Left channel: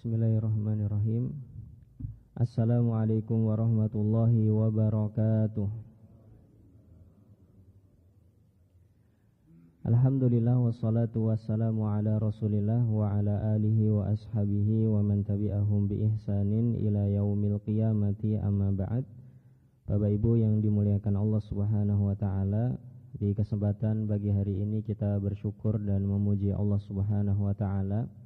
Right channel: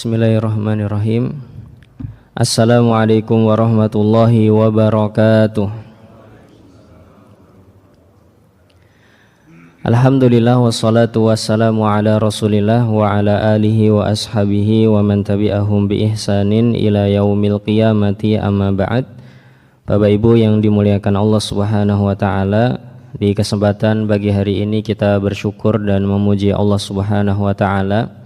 Bismillahirrahmanirrahim. Assalamualaikum warahmatullahi wabarakatuh. Alhamdulillah wassalatu wassalamu ala Rasulillah wa ala alihi wa ashabihi wa man tabi'ahum bi ihsanin ila yaumil qiyamati, amma ba'd. Bapak Ibu yang dimuliakan Allah Subhanahu wa taala, di kesempatan pagi hari ini kita bersyukur dan memuji Allah Subhanahu wa taala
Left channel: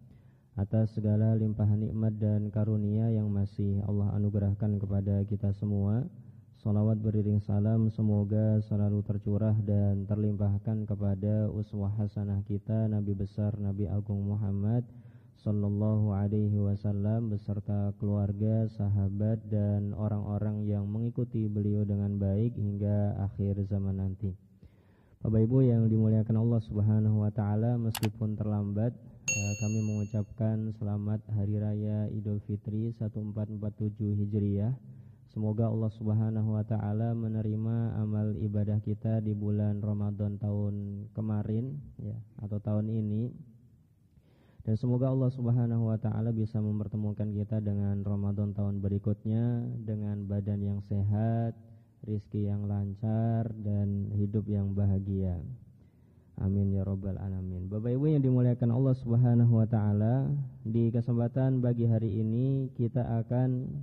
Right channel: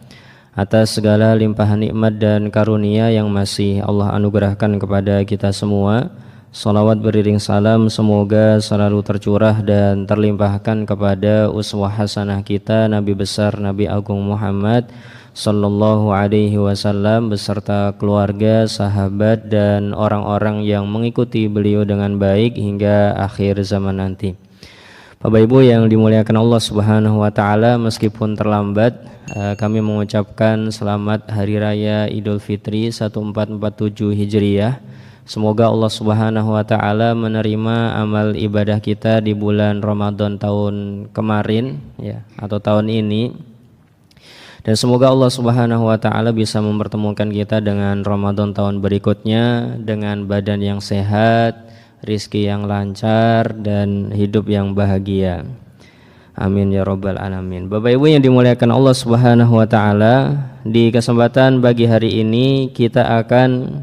atas segala limpahan nikmat dan karunia yang masih Allah anugerahkan kepada kita semua. Salawat beriring salam semoga selalu tercurah dan terlimpahkan kepada uswah hasanah kita Nabi besar Nabi Agung Muhammad sallallahu alaihi wasallam beserta keluarga, sahabat dan orang-orang yang mengikuti beliau dengan baik hingga akhir zaman nanti. Bapak Ibu yang dimuliakan Allah Subhanahu wa taala, meskipun terlambat kami mengucapkan selamat Hari Raya Idul Fitri 1447 Hijriah. Semoga Allah Subhanahu wa taala menerima amal ibadah kita di bulan Ramadan tahun kemarin ya, atau tahun ini. Dan semoga Allah Subhanahu wa taala bisa mempertemukan kita dengan Ramadan tahun berikutnya dengan badan yang sehat, rizki yang lancar dan hidup yang bahagia. Amin ya rabbal alamin. Bapak Ibu yang dimuliakan Allah Subhanahu wa taala, di kesempatan pagi hari ini kita akan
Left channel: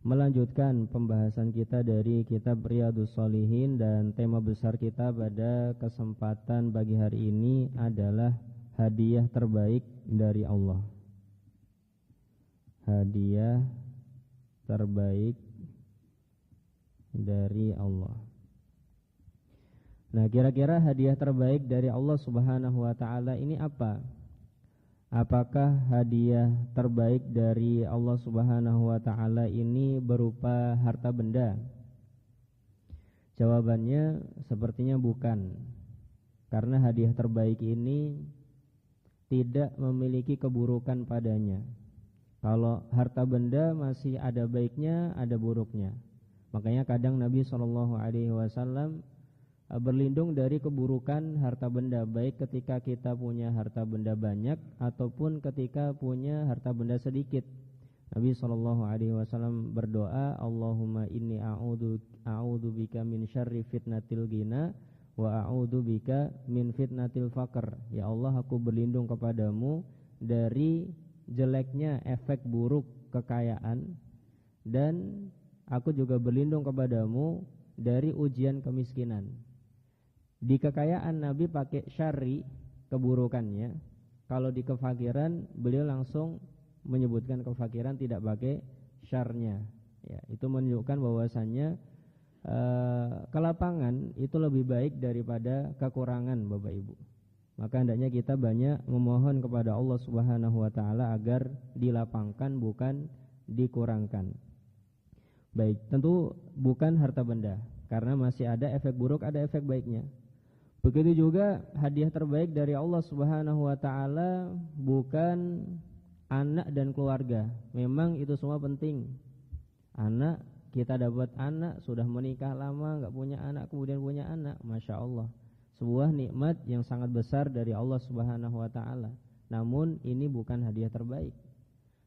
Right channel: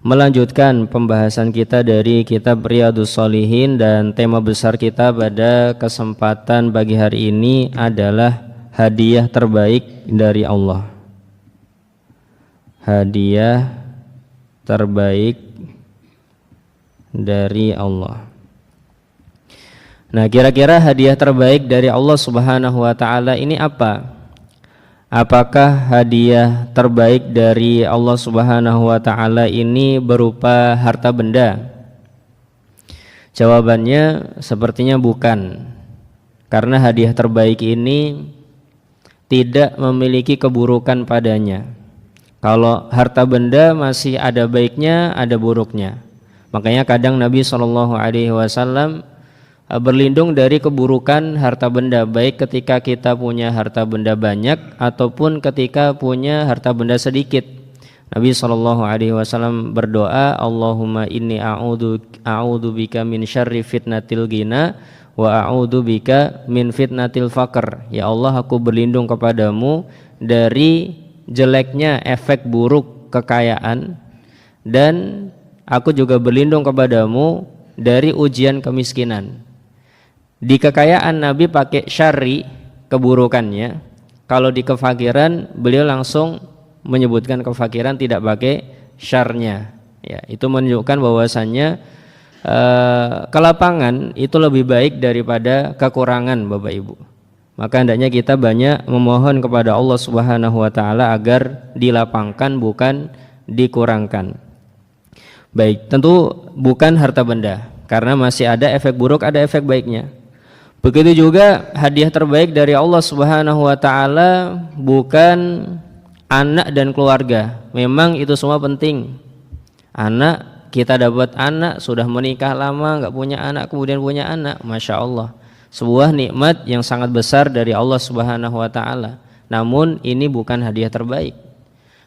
melanjutkan pembahasan kita dari kitab Riyadhus Shalihin, dan tema besar kita pada kesempatan pagi hari ini adalah hadiah terbaik dari Allah. Hadiah terbaik dari Allah. Nah, kira-kira hadiah terbaik dari Allah Subhanahu wa taala ini apa? Apakah hadiah terbaik dari Allah Subhanahu wa taala ini berupa harta benda? Jawabannya sepertinya bukan. Karena hadiah terbaik ini tidak memiliki keburukan padanya. Kalau harta benda masih ada baiknya, ada buruknya. Makanya kadang Nabi SAW berlindung dari keburukan harta benda, baik ketika kita punya harta benda banyak ataupun ketika punya harta benda sedikit. Nabi SAW berdoa, Allahumma inni a'udhu bika min syarri fitnatil ghina wa a'udhu bika min fitnatil faqr. Ya Allah, aku berlindung kepadamu dari jeleknya efek buruk kekayaan, dan aku juga berlindung kepadamu dari ujian kemiskinan. Di kekayaan Nabi pakai syarri, keburukannya. Kalau di kefakiran beliau langsung menyebutkan kefakiran, tidak pakai syarnya. Ya, itu menunjukkan bahwasannya kelapangan itu lebih baik daripada kekurangan, Bapak Ibu. Maka hendaknya kita banyak memohon kepada Allah Subhanahu wa taala agar dilapangkan bukan dikurangkan. Baik, tentu bukan harta benda, karena masih ada efek buruk, ada efek baiknya. Begitu juga hadiah terbaik dari Allah Subhanahu wa taala bukan anak dan keluarga. Memang itu semua penting. Anak, kita dapat anak, sudah menikah lama enggak punya anak, kemudian punya anak, Masya Allah, sebuah nikmat yang sangat besar dari Allah Subhanahu wa taala. Namun ini bukan hadiah terbaik.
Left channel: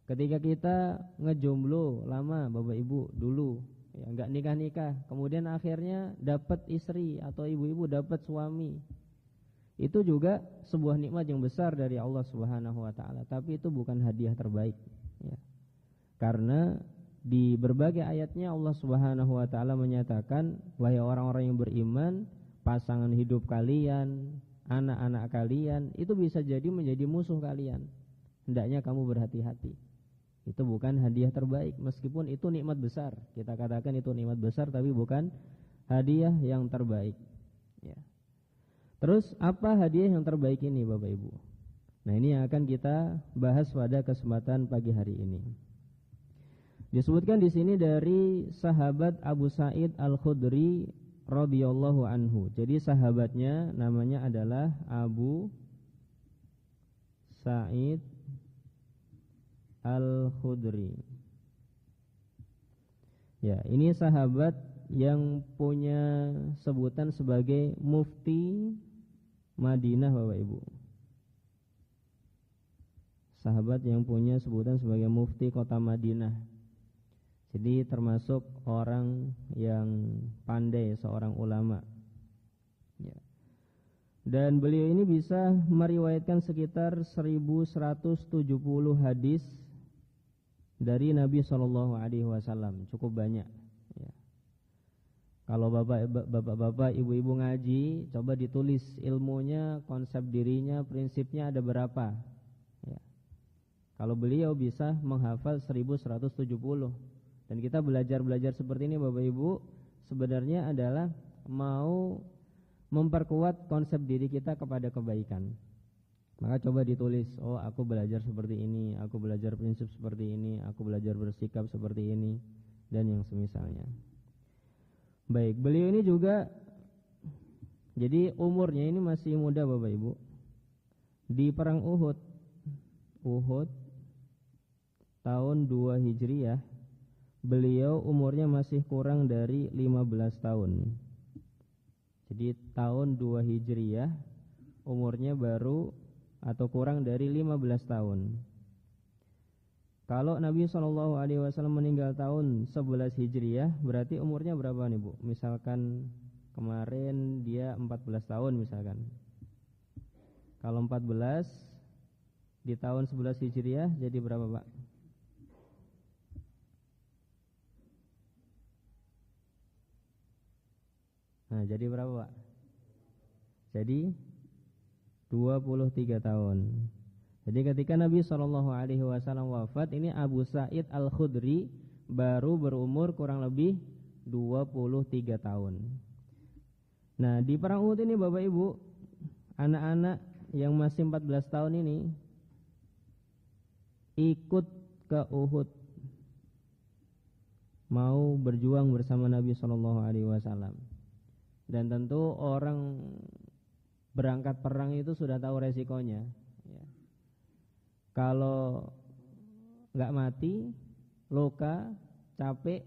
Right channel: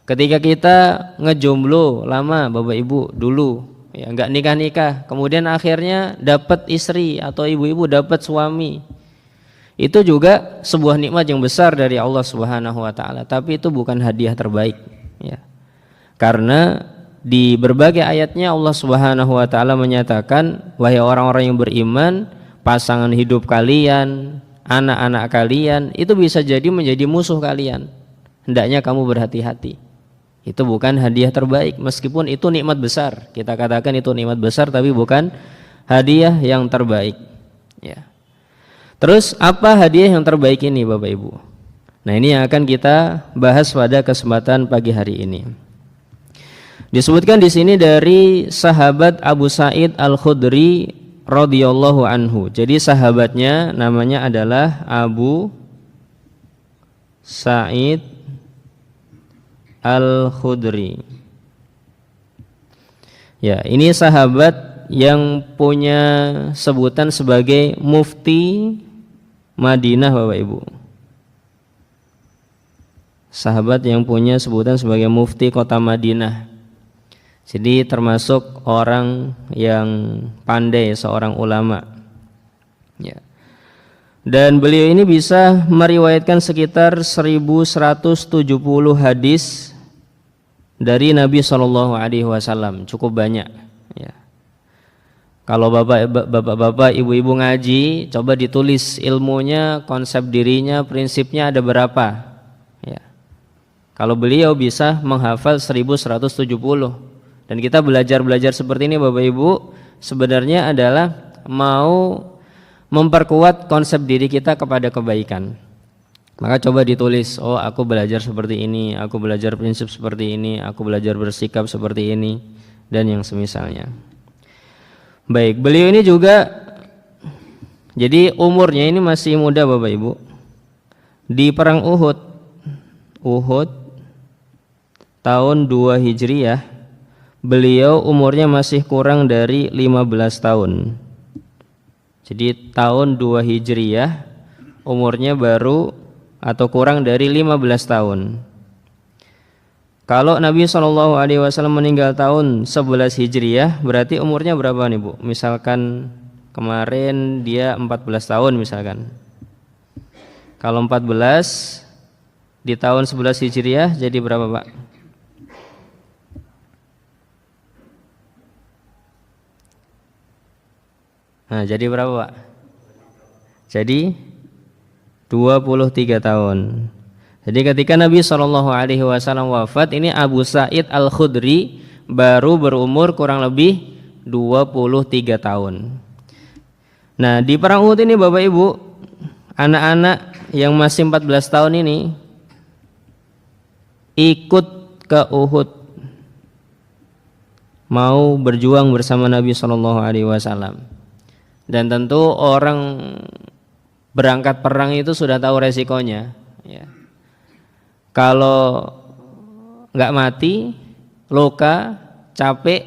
Ketika kita ngejomblo lama, Bapak Ibu, dulu ya enggak nikah-nikah, kemudian akhirnya dapat istri atau ibu-ibu dapat suami, itu juga sebuah nikmat yang besar dari Allah Subhanahu wa taala, tapi itu bukan hadiah terbaik ya. Karena di berbagai ayatnya Allah Subhanahu wa taala menyatakan, wahai orang-orang yang beriman, pasangan hidup kalian, anak-anak kalian itu bisa jadi menjadi musuh kalian. Hendaknya kamu berhati-hati. Itu bukan hadiah terbaik, meskipun itu nikmat besar. Kita katakan itu nikmat besar, tapi bukan hadiah yang terbaik ya. Terus apa hadiah yang terbaik ini, Bapak Ibu? Nah, ini yang akan kita bahas pada kesempatan pagi hari ini. Disebutkan di sini dari sahabat Abu Sa'id Al-Khudri radhiyallahu anhu. Jadi sahabatnya namanya adalah Abu Sa'id Al-Khudri. Ya, ini sahabat yang punya sebutan sebagai mufti Madinah, Bapak Ibu. sahabat yang punya sebutan sebagai mufti kota Madinah. Jadi termasuk orang yang pandai, seorang ulama. Ya. Dan beliau ini bisa meriwayatkan sekitar 1170 hadis dari Nabi SAW, cukup banyak. Ya. Kalau bapak-bapak, ibu-ibu ngaji, coba ditulis ilmunya, konsep dirinya, prinsipnya ada berapa. Ya. Kalau beliau bisa menghafal 1170. Dan kita belajar seperti ini Bapak Ibu, sebenarnya adalah mau memperkuat konsep diri kita kepada kebaikan. Maka coba ditulis, oh aku belajar seperti ini, aku belajar prinsip seperti ini, aku belajar bersikap seperti ini, dan yang semisalnya. Baik, beliau ini juga, jadi umurnya ini masih muda Bapak Ibu. Di perang Uhud tahun 2 Hijriah, beliau umurnya masih kurang dari 15 tahun. Jadi tahun 2 Hijriyah umurnya baru atau kurang dari 15 tahun. Kalau Nabi SAW meninggal tahun 11 Hijriyah, berarti umurnya berapa nih Bu? Misalkan kemarin dia 14 tahun misalkan. Kalau 14 di tahun 11 Hijriyah jadi berapa Pak? Nah, jadi berapa Pak? Jadi 23 tahun. Jadi ketika Nabi SAW wafat, ini Abu Sa'id Al-Khudri baru berumur kurang lebih 23 tahun. Nah, di perang Uhud ini Bapak Ibu, anak-anak yang masih 14 tahun ini ikut ke Uhud, mau berjuang bersama Nabi SAW. Dan tentu orang berangkat perang itu sudah tahu resikonya. Ya. Kalau nggak mati, luka, capek,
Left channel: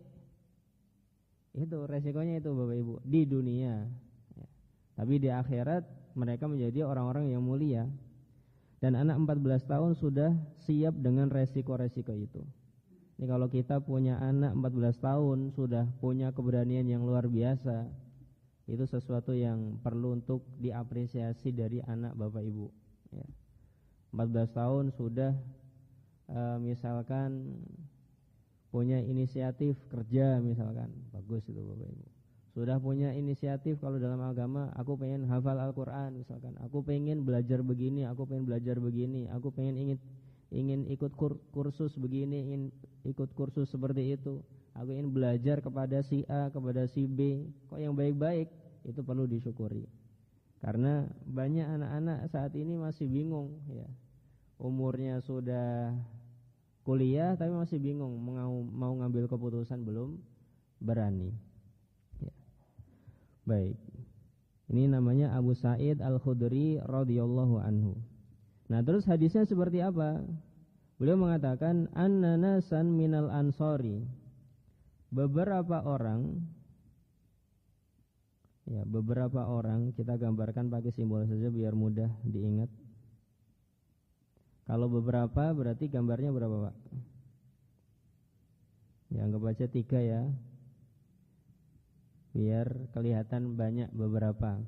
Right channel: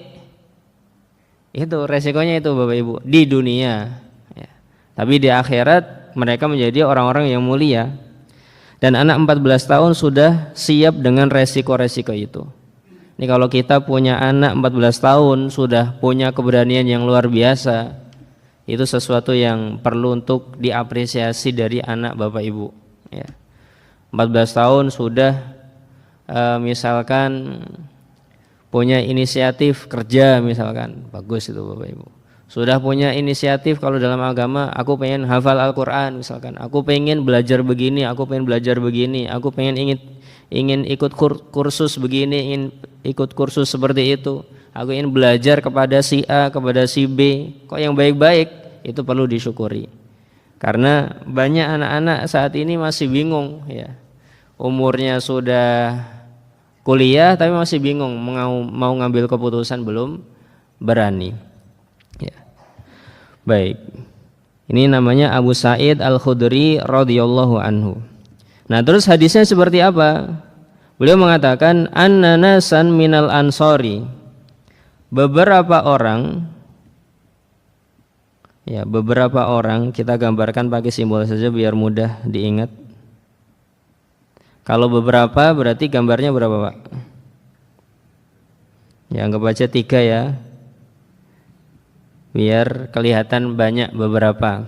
itu resikonya itu Bapak Ibu di dunia. Ya. Tapi di akhirat mereka menjadi orang-orang yang mulia. Dan anak 14 tahun sudah siap dengan resiko-resiko itu. Ini kalau kita punya anak 14 tahun sudah punya keberanian yang luar biasa, itu sesuatu yang perlu untuk diapresiasi dari anak Bapak Ibu. Ya. 14 tahun sudah misalkan punya inisiatif kerja misalkan, bagus itu Bapak Ibu. Sudah punya inisiatif kalau dalam agama, aku pengen hafal Al-Quran misalkan, aku pengen belajar begini, aku pengen belajar begini, aku pengen ingin ikut kursus begini, ingin ikut kursus seperti itu. Aku ingin belajar kepada si A, kepada si B, kok yang baik-baik, itu perlu disyukuri. Karena banyak anak-anak saat ini masih bingung ya. Umurnya sudah kuliah tapi masih bingung mau ngambil keputusan, belum berani. Ya. Baik. Ini namanya Abu Sa'id Al-Khudri radhiyallahu anhu. Nah, terus hadisnya seperti apa? Beliau mengatakan anna nasan minal ansori, beberapa orang kita gambarkan pakai simbol saja biar mudah diingat. Kalau beberapa berarti gambarnya berapa Pak? Ya, anggap aja 3 ya, biar kelihatan banyak beberapa.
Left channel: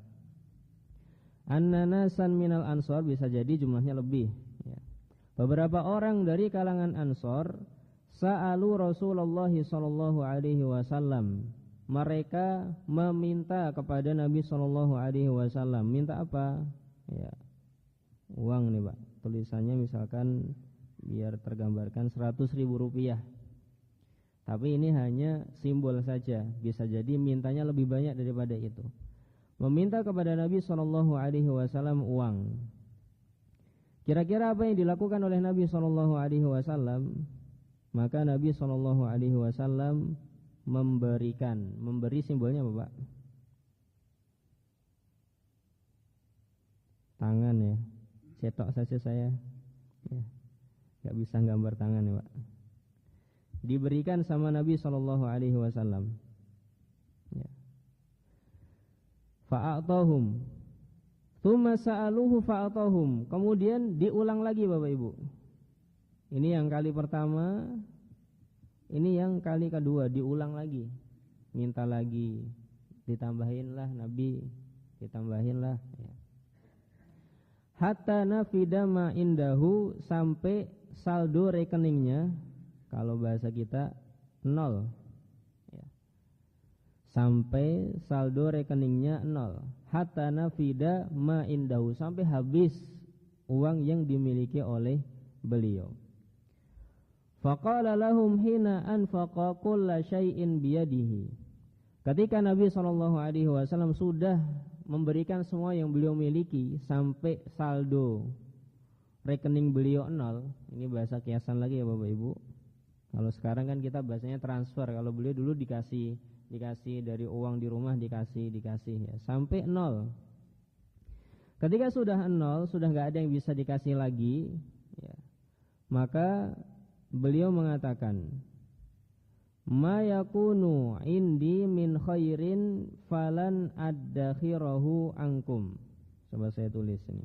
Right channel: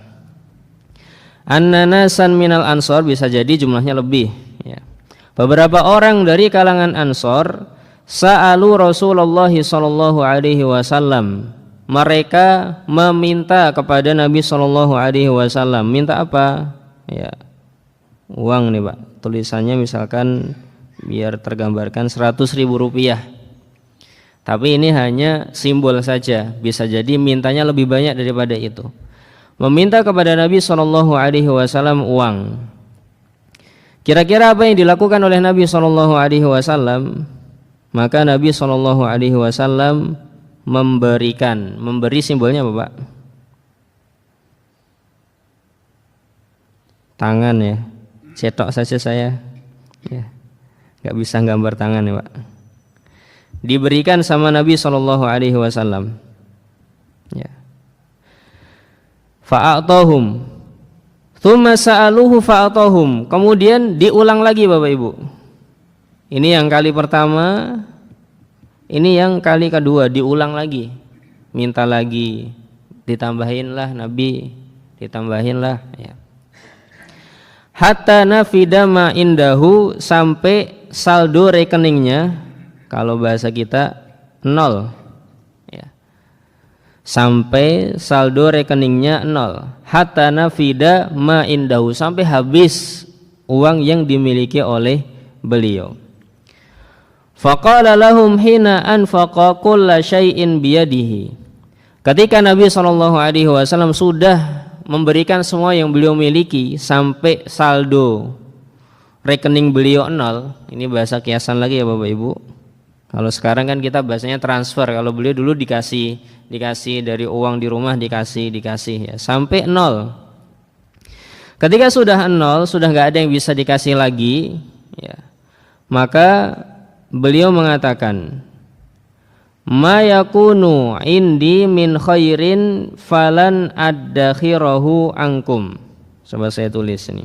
An-nanasan minal ansor, bisa jadi jumlahnya lebih ya. Beberapa orang dari kalangan Ansor sa'alu Rasulullah sallallahu alaihi wasallam, mereka meminta kepada Nabi sallallahu alaihi wasallam. Minta apa? Ya, uang nih Pak. Tulisannya misalkan biar tergambarkan 100.000 rupiah. Tapi ini hanya simbol saja, bisa jadi mintanya lebih banyak daripada itu. Meminta kepada Nabi sallallahu alaihi wasallam uang. Kira-kira apa yang dilakukan oleh Nabi sallallahu alaihi wasallam? Maka Nabi sallallahu alaihi wasallam memberi simbolnya apa Pak? Tangan ya. Cetok saja saya. Ya. Enggak bisa gambar tangan ya Pak. Diberikan sama Nabi sallallahu alaihi wasallam. Ya. Fa'atahum. Tsumma sa'aluhu fa'atahum. Kemudian diulang lagi Bapak Ibu. Ini yang kali pertama, ini yang kali kedua diulang lagi, minta lagi, ditambahinlah Nabi, ditambahinlah ya. Hatta nafida ma indahu, sampai saldo rekeningnya, kalau bahasa kita nol ya. Sampai saldo rekeningnya nol. Hatta nafida ma indahu, sampai habis uang yang dimiliki oleh beliau. Faqala lahum hina anfaqa kulla syai'in biyadihi. Ketika Nabi SAW sudah memberikan semua yang beliau miliki sampai saldo rekening beliau nol. Ini bahasa kiasan lagi ya Bapak Ibu. Kalau sekarang kan kita bahasanya transfer. Kalau beliau dulu dikasih dari uang di rumah, dikasih ya, sampai nol. Ketika sudah nol, sudah nggak ada yang bisa dikasih lagi ya, maka beliau mengatakan, ma yakunu indi min khairin falan addakhirahu ankum. Coba saya tulis ini.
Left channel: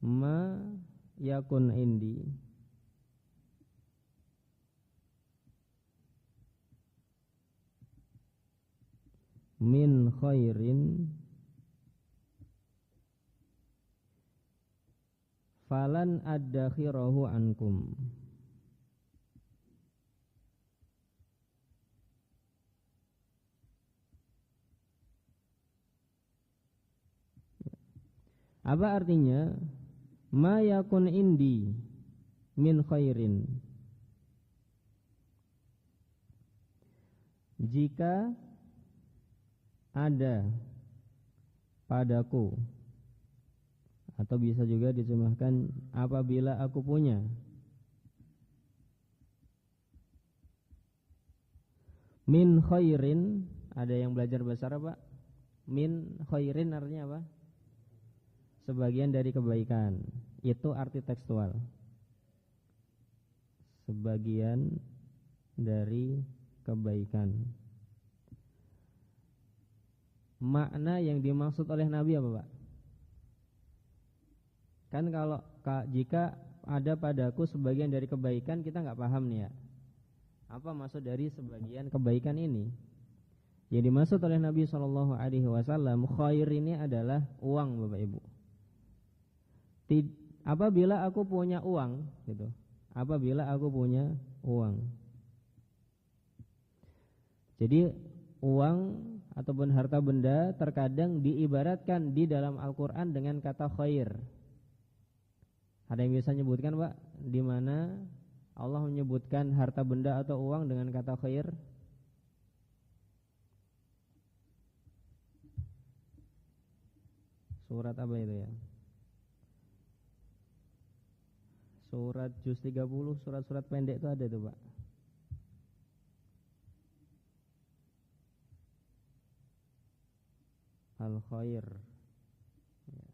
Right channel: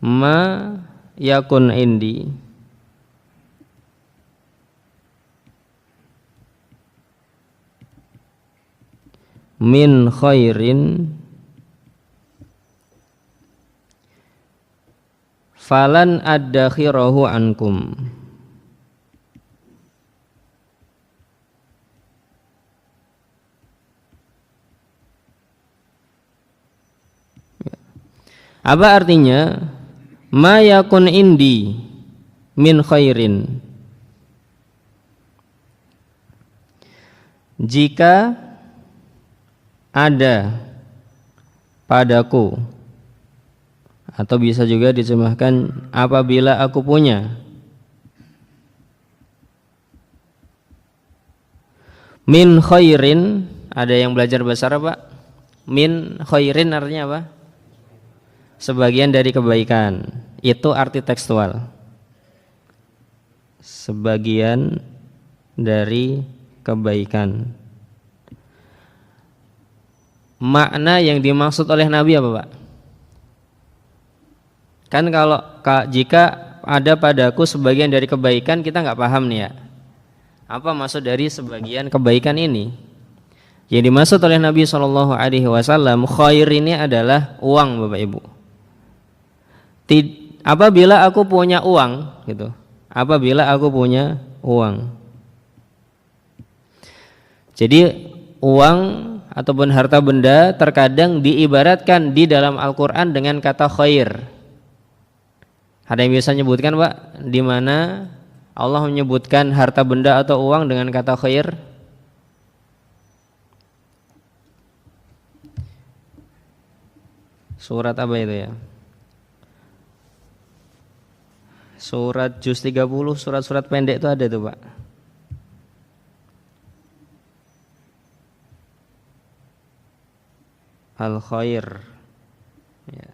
Ma yakun indi min khairin falan addakhirahu ankum. Apa artinya? Ma yakun indi min khairin, jika ada padaku, atau bisa juga diterjemahkan apabila aku punya, min khairin. Ada yang belajar bahasa Arab Pak? Min khairin artinya apa? Sebagian dari kebaikan. Itu arti tekstual. Sebagian dari kebaikan. Makna yang dimaksud oleh Nabi apa Pak? Kan kalau jika ada padaku sebagian dari kebaikan, kita nggak paham nih ya. Apa maksud dari sebagian kebaikan ini? Yang dimaksud oleh Nabi SAW, khair ini adalah uang Bapak Ibu. Apabila aku punya uang, gitu. Apabila aku punya uang. Jadi uang ataupun harta benda terkadang diibaratkan di dalam Al-Quran dengan kata khair. Ada yang bisa menyebutkan Pak, di mana Allah menyebutkan harta benda atau uang dengan kata khair? Surat apa itu ya? Surat Juz 30, surat-surat pendek itu ada tuh Pak. Al-Khair ya.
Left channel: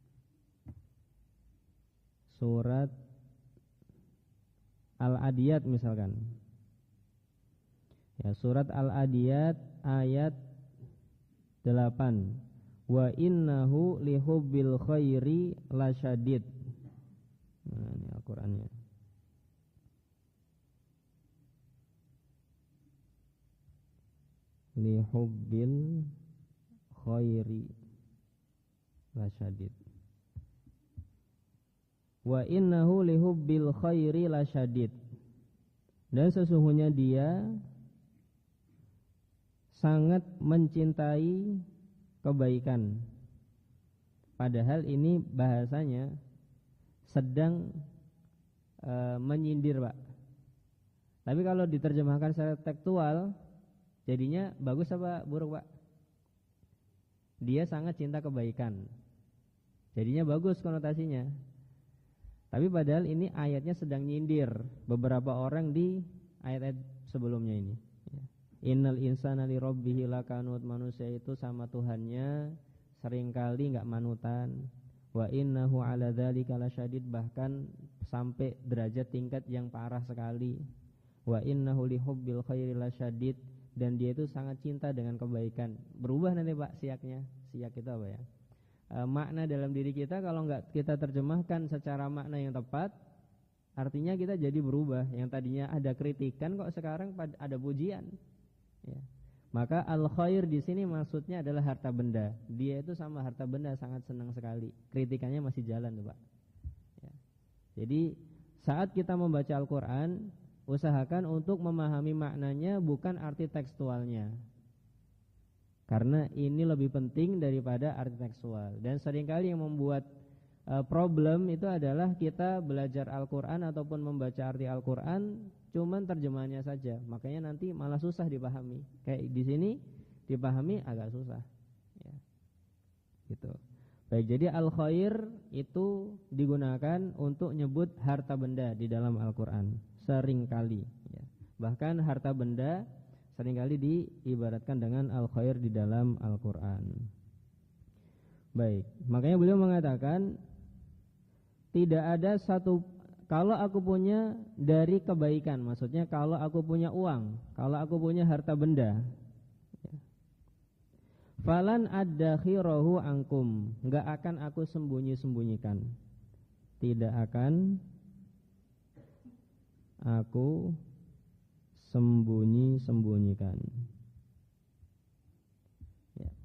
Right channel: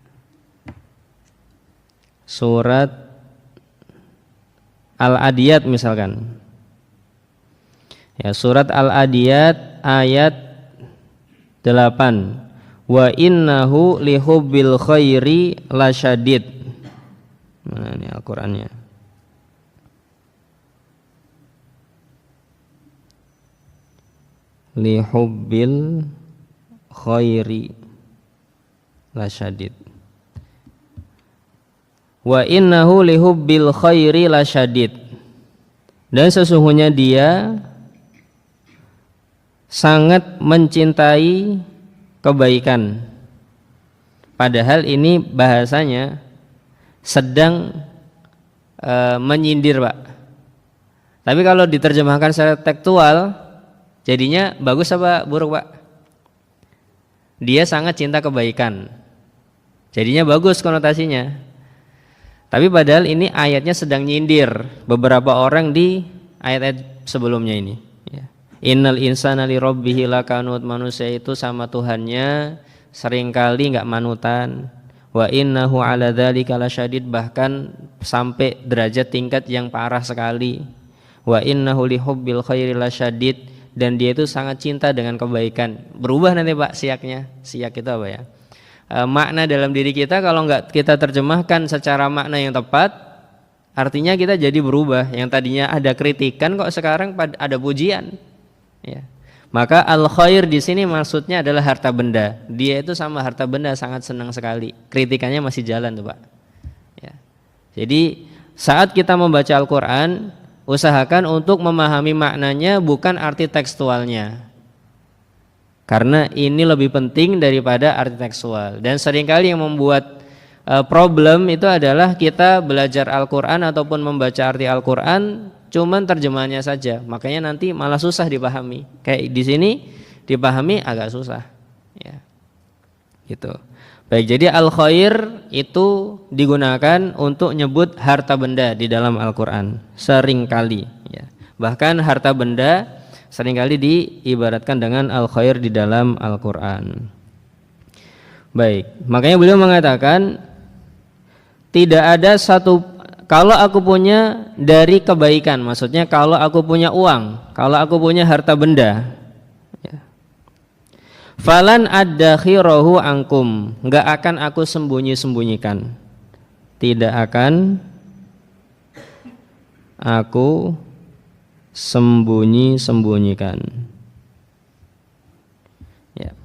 Surat Al-Adiyat misalkan ya, surat Al-Adiyat ayat 8, wa innahu lihubbil khairi lasyadid. Mana ini Al-Qur'annya? Lihubbil khairi lasyadid. Wa innahu lihubbil khairi lasyadid. Dan sesungguhnya dia sangat mencintai kebaikan. Padahal ini bahasanya sedang menyindir Pak. Tapi kalau diterjemahkan secara tekstual jadinya bagus apa buruk Pak? Dia sangat cinta kebaikan. Jadinya bagus konotasinya. Tapi padahal ini ayatnya sedang nyindir beberapa orang di ayat-ayat sebelumnya ini ya. Innal insana li rabbihi lakanut, manusia itu sama Tuhannya seringkali enggak manutan. Wa innahu ala dzalika lasyadid, bahkan sampai derajat tingkat yang parah sekali. Wa innahu lihubbil khairi lasyadid, dan dia itu sangat cinta dengan kebaikan. Berubah nanti Pak siaknya. Siak itu apa ya? makna dalam diri kita, kalau nggak kita terjemahkan secara makna yang tepat, artinya kita jadi berubah. Yang tadinya ada kritikan kok sekarang ada pujian. Ya. Maka al khair di sini maksudnya adalah harta benda. Dia itu sama harta benda sangat senang sekali. Kritikannya masih jalan tuh Pak. Ya. Jadi saat kita membaca Al-Quran, usahakan untuk memahami maknanya, bukan arti tekstualnya. Karena ini lebih penting daripada arti tekstual. Dan seringkali yang membuat problem itu adalah kita belajar Al-Quran ataupun membaca arti Al-Quran cuman terjemahannya saja. Makanya nanti malah susah dipahami. Kayak di sini dipahami agak susah. Ya. Gitu. Baik, jadi al-khair itu digunakan untuk nyebut harta benda di dalam Al-Quran. Seringkali. Ya. Bahkan harta benda seringkali diibaratkan dengan al-khair di dalam Al-Quran. Baik, makanya beliau mengatakan tidak ada satu, kalau aku punya dari kebaikan, maksudnya kalau aku punya uang, kalau aku punya harta benda, ya, falan addakhirahu ankum, enggak akan aku sembunyi-sembunyikan, tidak akan aku sembunyi-sembunyikan. Ya.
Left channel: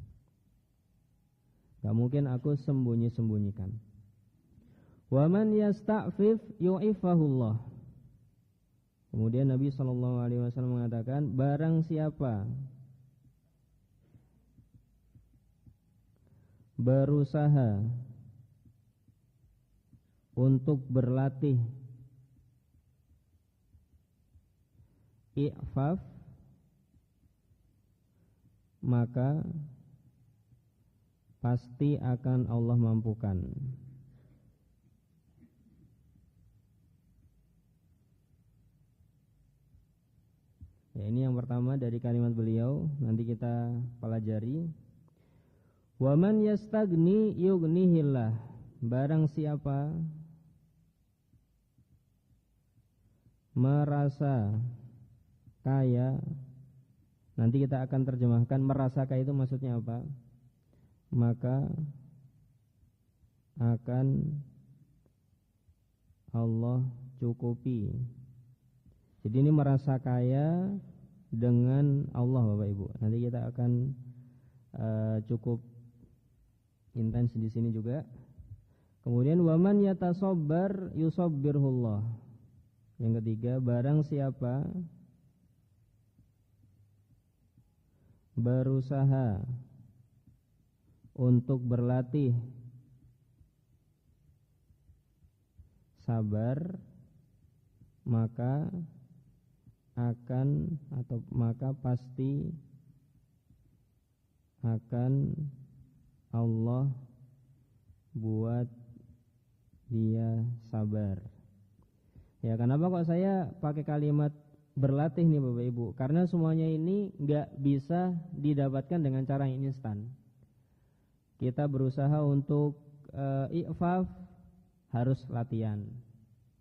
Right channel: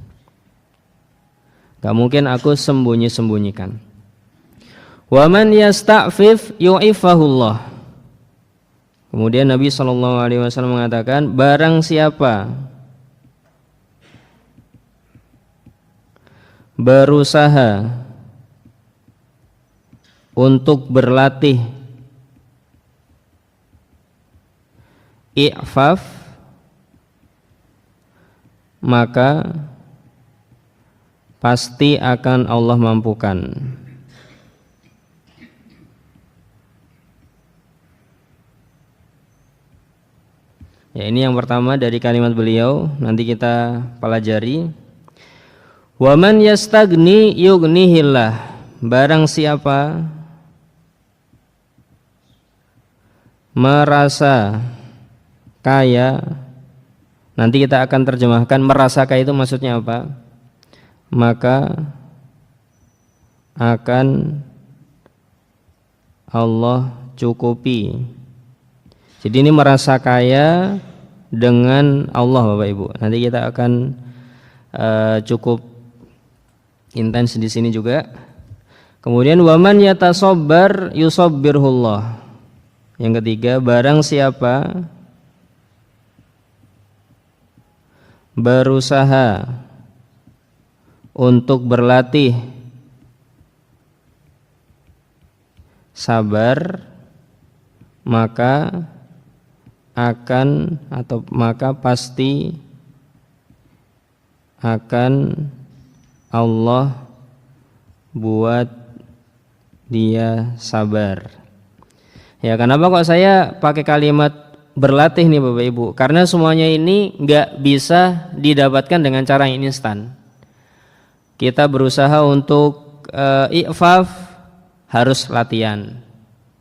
Gak mungkin aku sembunyi-sembunyikan. Wa man yasta'fif yu'ifahullah. Kemudian Nabi SAW mengatakan, barang siapa berusaha untuk berlatih i'faf, maka pasti akan Allah mampukan. Ya, ini yang pertama dari kalimat beliau, nanti kita pelajari. Wa man yastagni yughnihillah, barang siapa merasa kaya, nanti kita akan terjemahkan merasa kaya itu maksudnya apa, maka akan Allah cukupi. Jadi ini merasa kaya dengan Allah Bapak Ibu. Nanti kita akan cukup intens di sini juga. Kemudian waman yatasabbar yusabbirhullah. Yang ketiga, barang siapa berusaha untuk berlatih sabar, maka pasti akan Allah buat dia sabar. Ya, kenapa kok saya pakai kalimat berlatih nih Bapak Ibu? Karena semuanya ini nggak bisa didapatkan dengan cara yang instan. Kita berusaha untuk i'faf, harus latihan,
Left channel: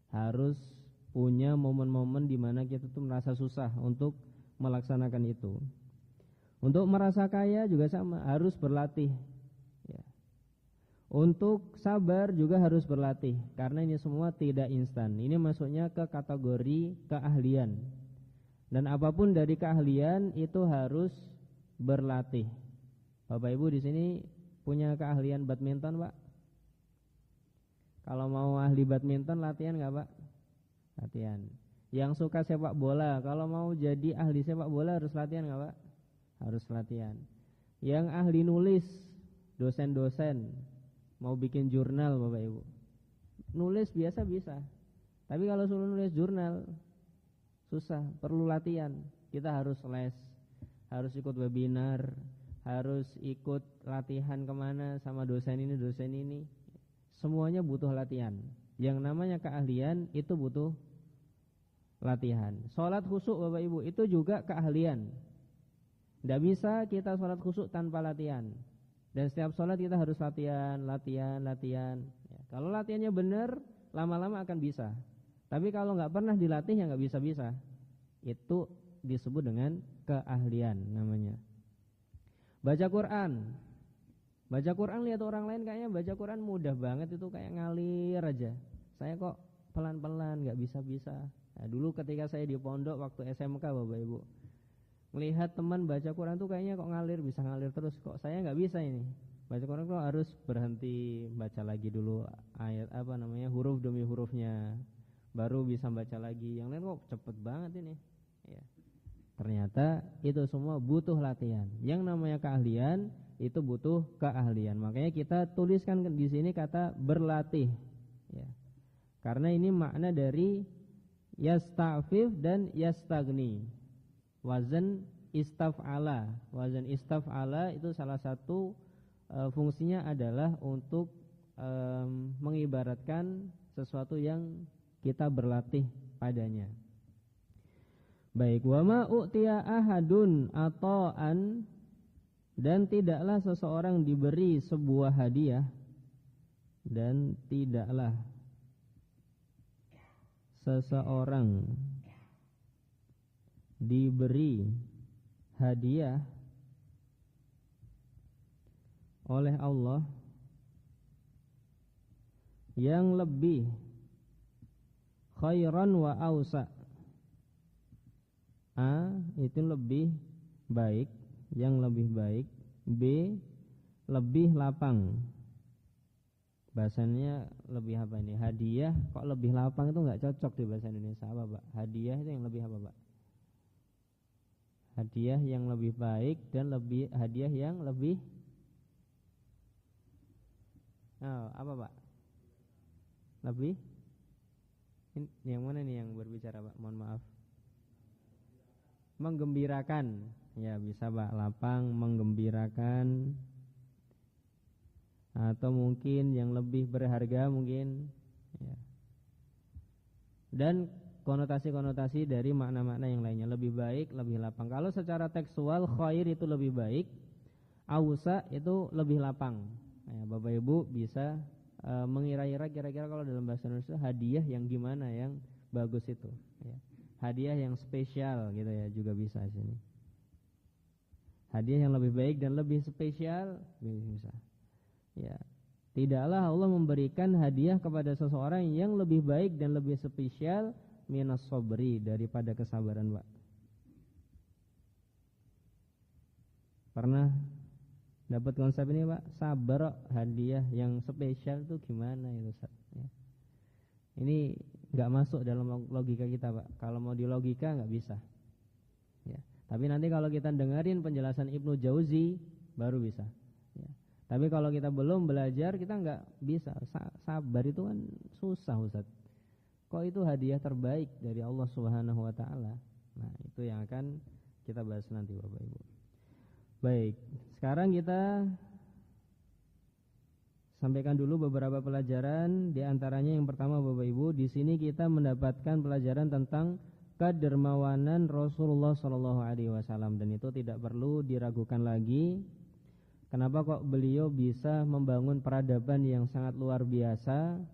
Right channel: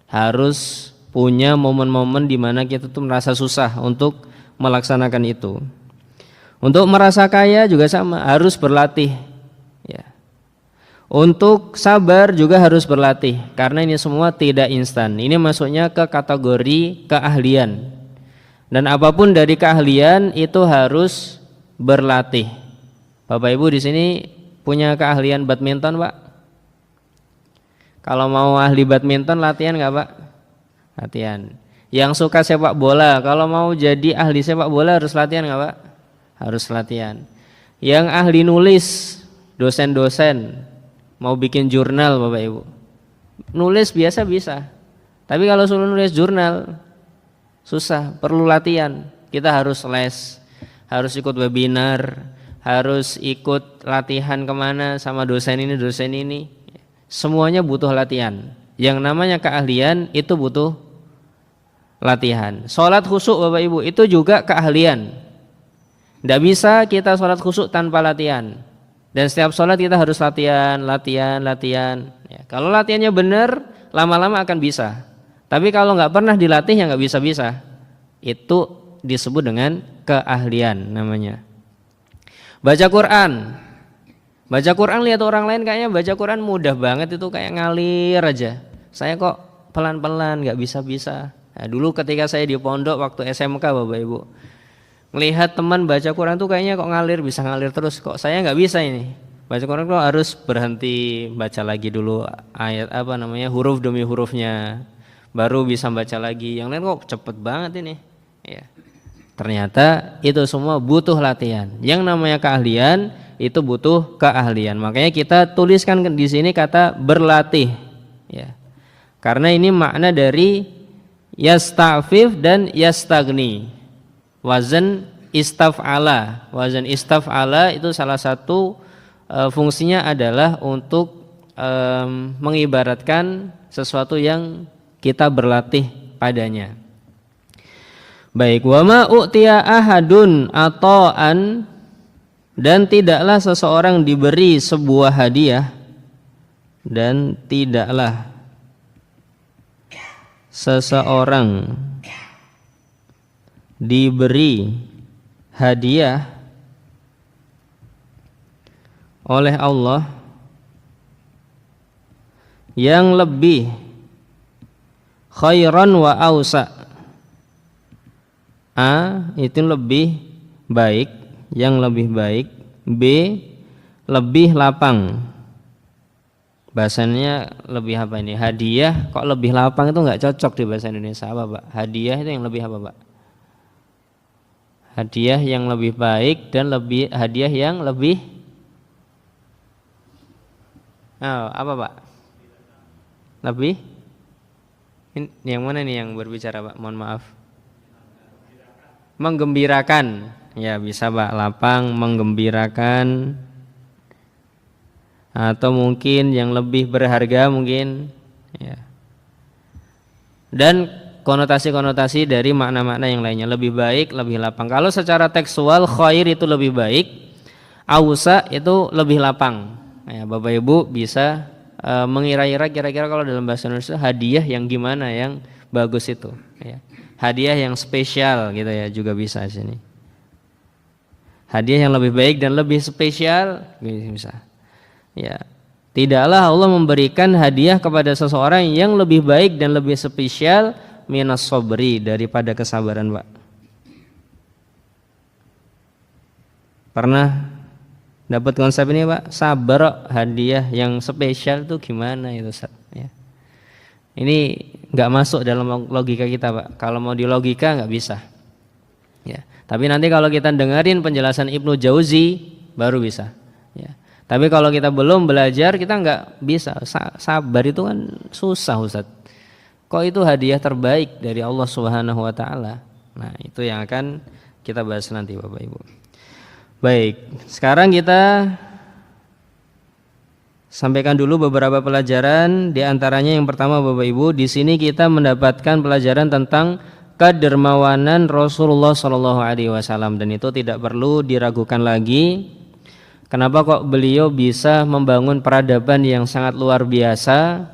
harus punya momen-momen di mana kita tuh merasa susah untuk melaksanakan itu. Untuk merasa kaya juga sama, harus berlatih. Ya. Untuk sabar juga harus berlatih, karena ini semua tidak instan. Ini masuknya ke kategori keahlian. Dan apapun dari keahlian itu harus berlatih. Bapak Ibu di sini punya keahlian badminton, Pak? Kalau mau ahli badminton latihan nggak, Pak? Latihan. Yang suka sepak bola, kalau mau jadi ahli sepak bola harus latihan nggak, Pak? Harus latihan. Yang ahli nulis, dosen-dosen mau bikin jurnal Bapak Ibu, nulis biasa bisa, tapi kalau suruh nulis jurnal susah, perlu latihan. Kita harus les, harus ikut webinar, harus ikut latihan kemana sama dosen ini. Semuanya butuh latihan. Yang namanya keahlian itu butuh latihan. Sholat khusyuk Bapak Ibu itu juga keahlian. Tidak bisa kita sholat khusyuk tanpa latihan. Dan setiap sholat kita harus latihan. Ya, kalau latihannya benar, lama-lama akan bisa. Tapi kalau nggak pernah dilatih ya nggak bisa. Itu disebut dengan keahlian namanya. Baca Quran. Baca Quran, lihat orang lain kayaknya baca Quran mudah banget, itu kayak ngalir aja. Saya kok pelan-pelan, nggak bisa-bisa. Nah, dulu ketika saya di pondok waktu SMK Bapak Ibu, melihat teman baca Quran tuh kayaknya kok ngalir, bisa ngalir terus. Kok saya nggak bisa ini. Baca Quran kok harus berhenti, baca lagi dulu ayat huruf demi hurufnya, baru bisa baca lagi. Yang lain kok cepet banget ini. Ya. Ternyata itu semua butuh latihan. Yang namanya keahlian itu butuh keahlian. Makanya kita tuliskan di sini kata berlatih. Ya. Karena ini makna dari yasta'fif dan yastagni. Wazan istaf'ala. Wazan istaf'ala itu salah satu fungsinya adalah untuk mengibaratkan sesuatu yang kita berlatih padanya. Baik, wa ma u'tiya ahadun ata'an, dan tidaklah seseorang diberi sebuah hadiah, dan tidaklah seseorang diberi hadiah oleh Allah yang lebih khairan wa ausa. A itu lebih baik, yang lebih baik. B lebih lapang. Bahasanya lebih apa ini? Hadiah kok lebih lapang, itu nggak cocok di bahasa Indonesia. Apa Pak? Hadiah itu yang lebih apa Pak? Hadiah yang lebih baik dan lebih hadiah yang lebih apa Pak? Lebih? Ini yang mana nih yang berbicara Pak? Mohon maaf. Menggembirakan. Ya bisa Pak, lapang, menggembirakan. Atau mungkin yang lebih berharga mungkin. Ya. Dan konotasi-konotasi dari makna-makna yang lainnya, lebih baik, lebih lapang. Kalau secara tekstual khair itu lebih baik, ausa itu lebih lapang. Ya, Bapak Ibu bisa mengira-ira kira-kira kalau dalam bahasa Indonesia hadiah yang gimana yang bagus itu. Ya. Hadiah yang spesial gitu ya juga bisa di sini. Hadiah yang lebih baik dan lebih spesial bisa. Ya. Tidaklah Allah memberikan hadiah kepada seseorang yang lebih baik dan lebih spesial minas sabri, daripada kesabaran, Pak. Pernah dapat konsep ini Pak? Sabar, hadiah yang spesial itu gimana itu Ustaz? Ya. Ini nggak masuk dalam logika kita Pak. Kalau mau di logika nggak bisa. Ya. Tapi nanti kalau kita dengerin penjelasan Ibnu Jauzi baru bisa. Ya. Tapi kalau kita belum belajar kita nggak bisa. Sabar itu kan susah Ustaz. Kok itu hadiah terbaik dari Allah Subhanahu Wa Taala? Nah itu yang akan kita bahas nanti Bapak Ibu. Baik, sekarang kita sampaikan dulu beberapa pelajaran. Di antaranya yang pertama Bapak Ibu, di sini kita mendapatkan pelajaran tentang kedermawanan Rasulullah SAW, dan itu tidak perlu diragukan lagi. Kenapa kok beliau bisa membangun peradaban yang sangat luar biasa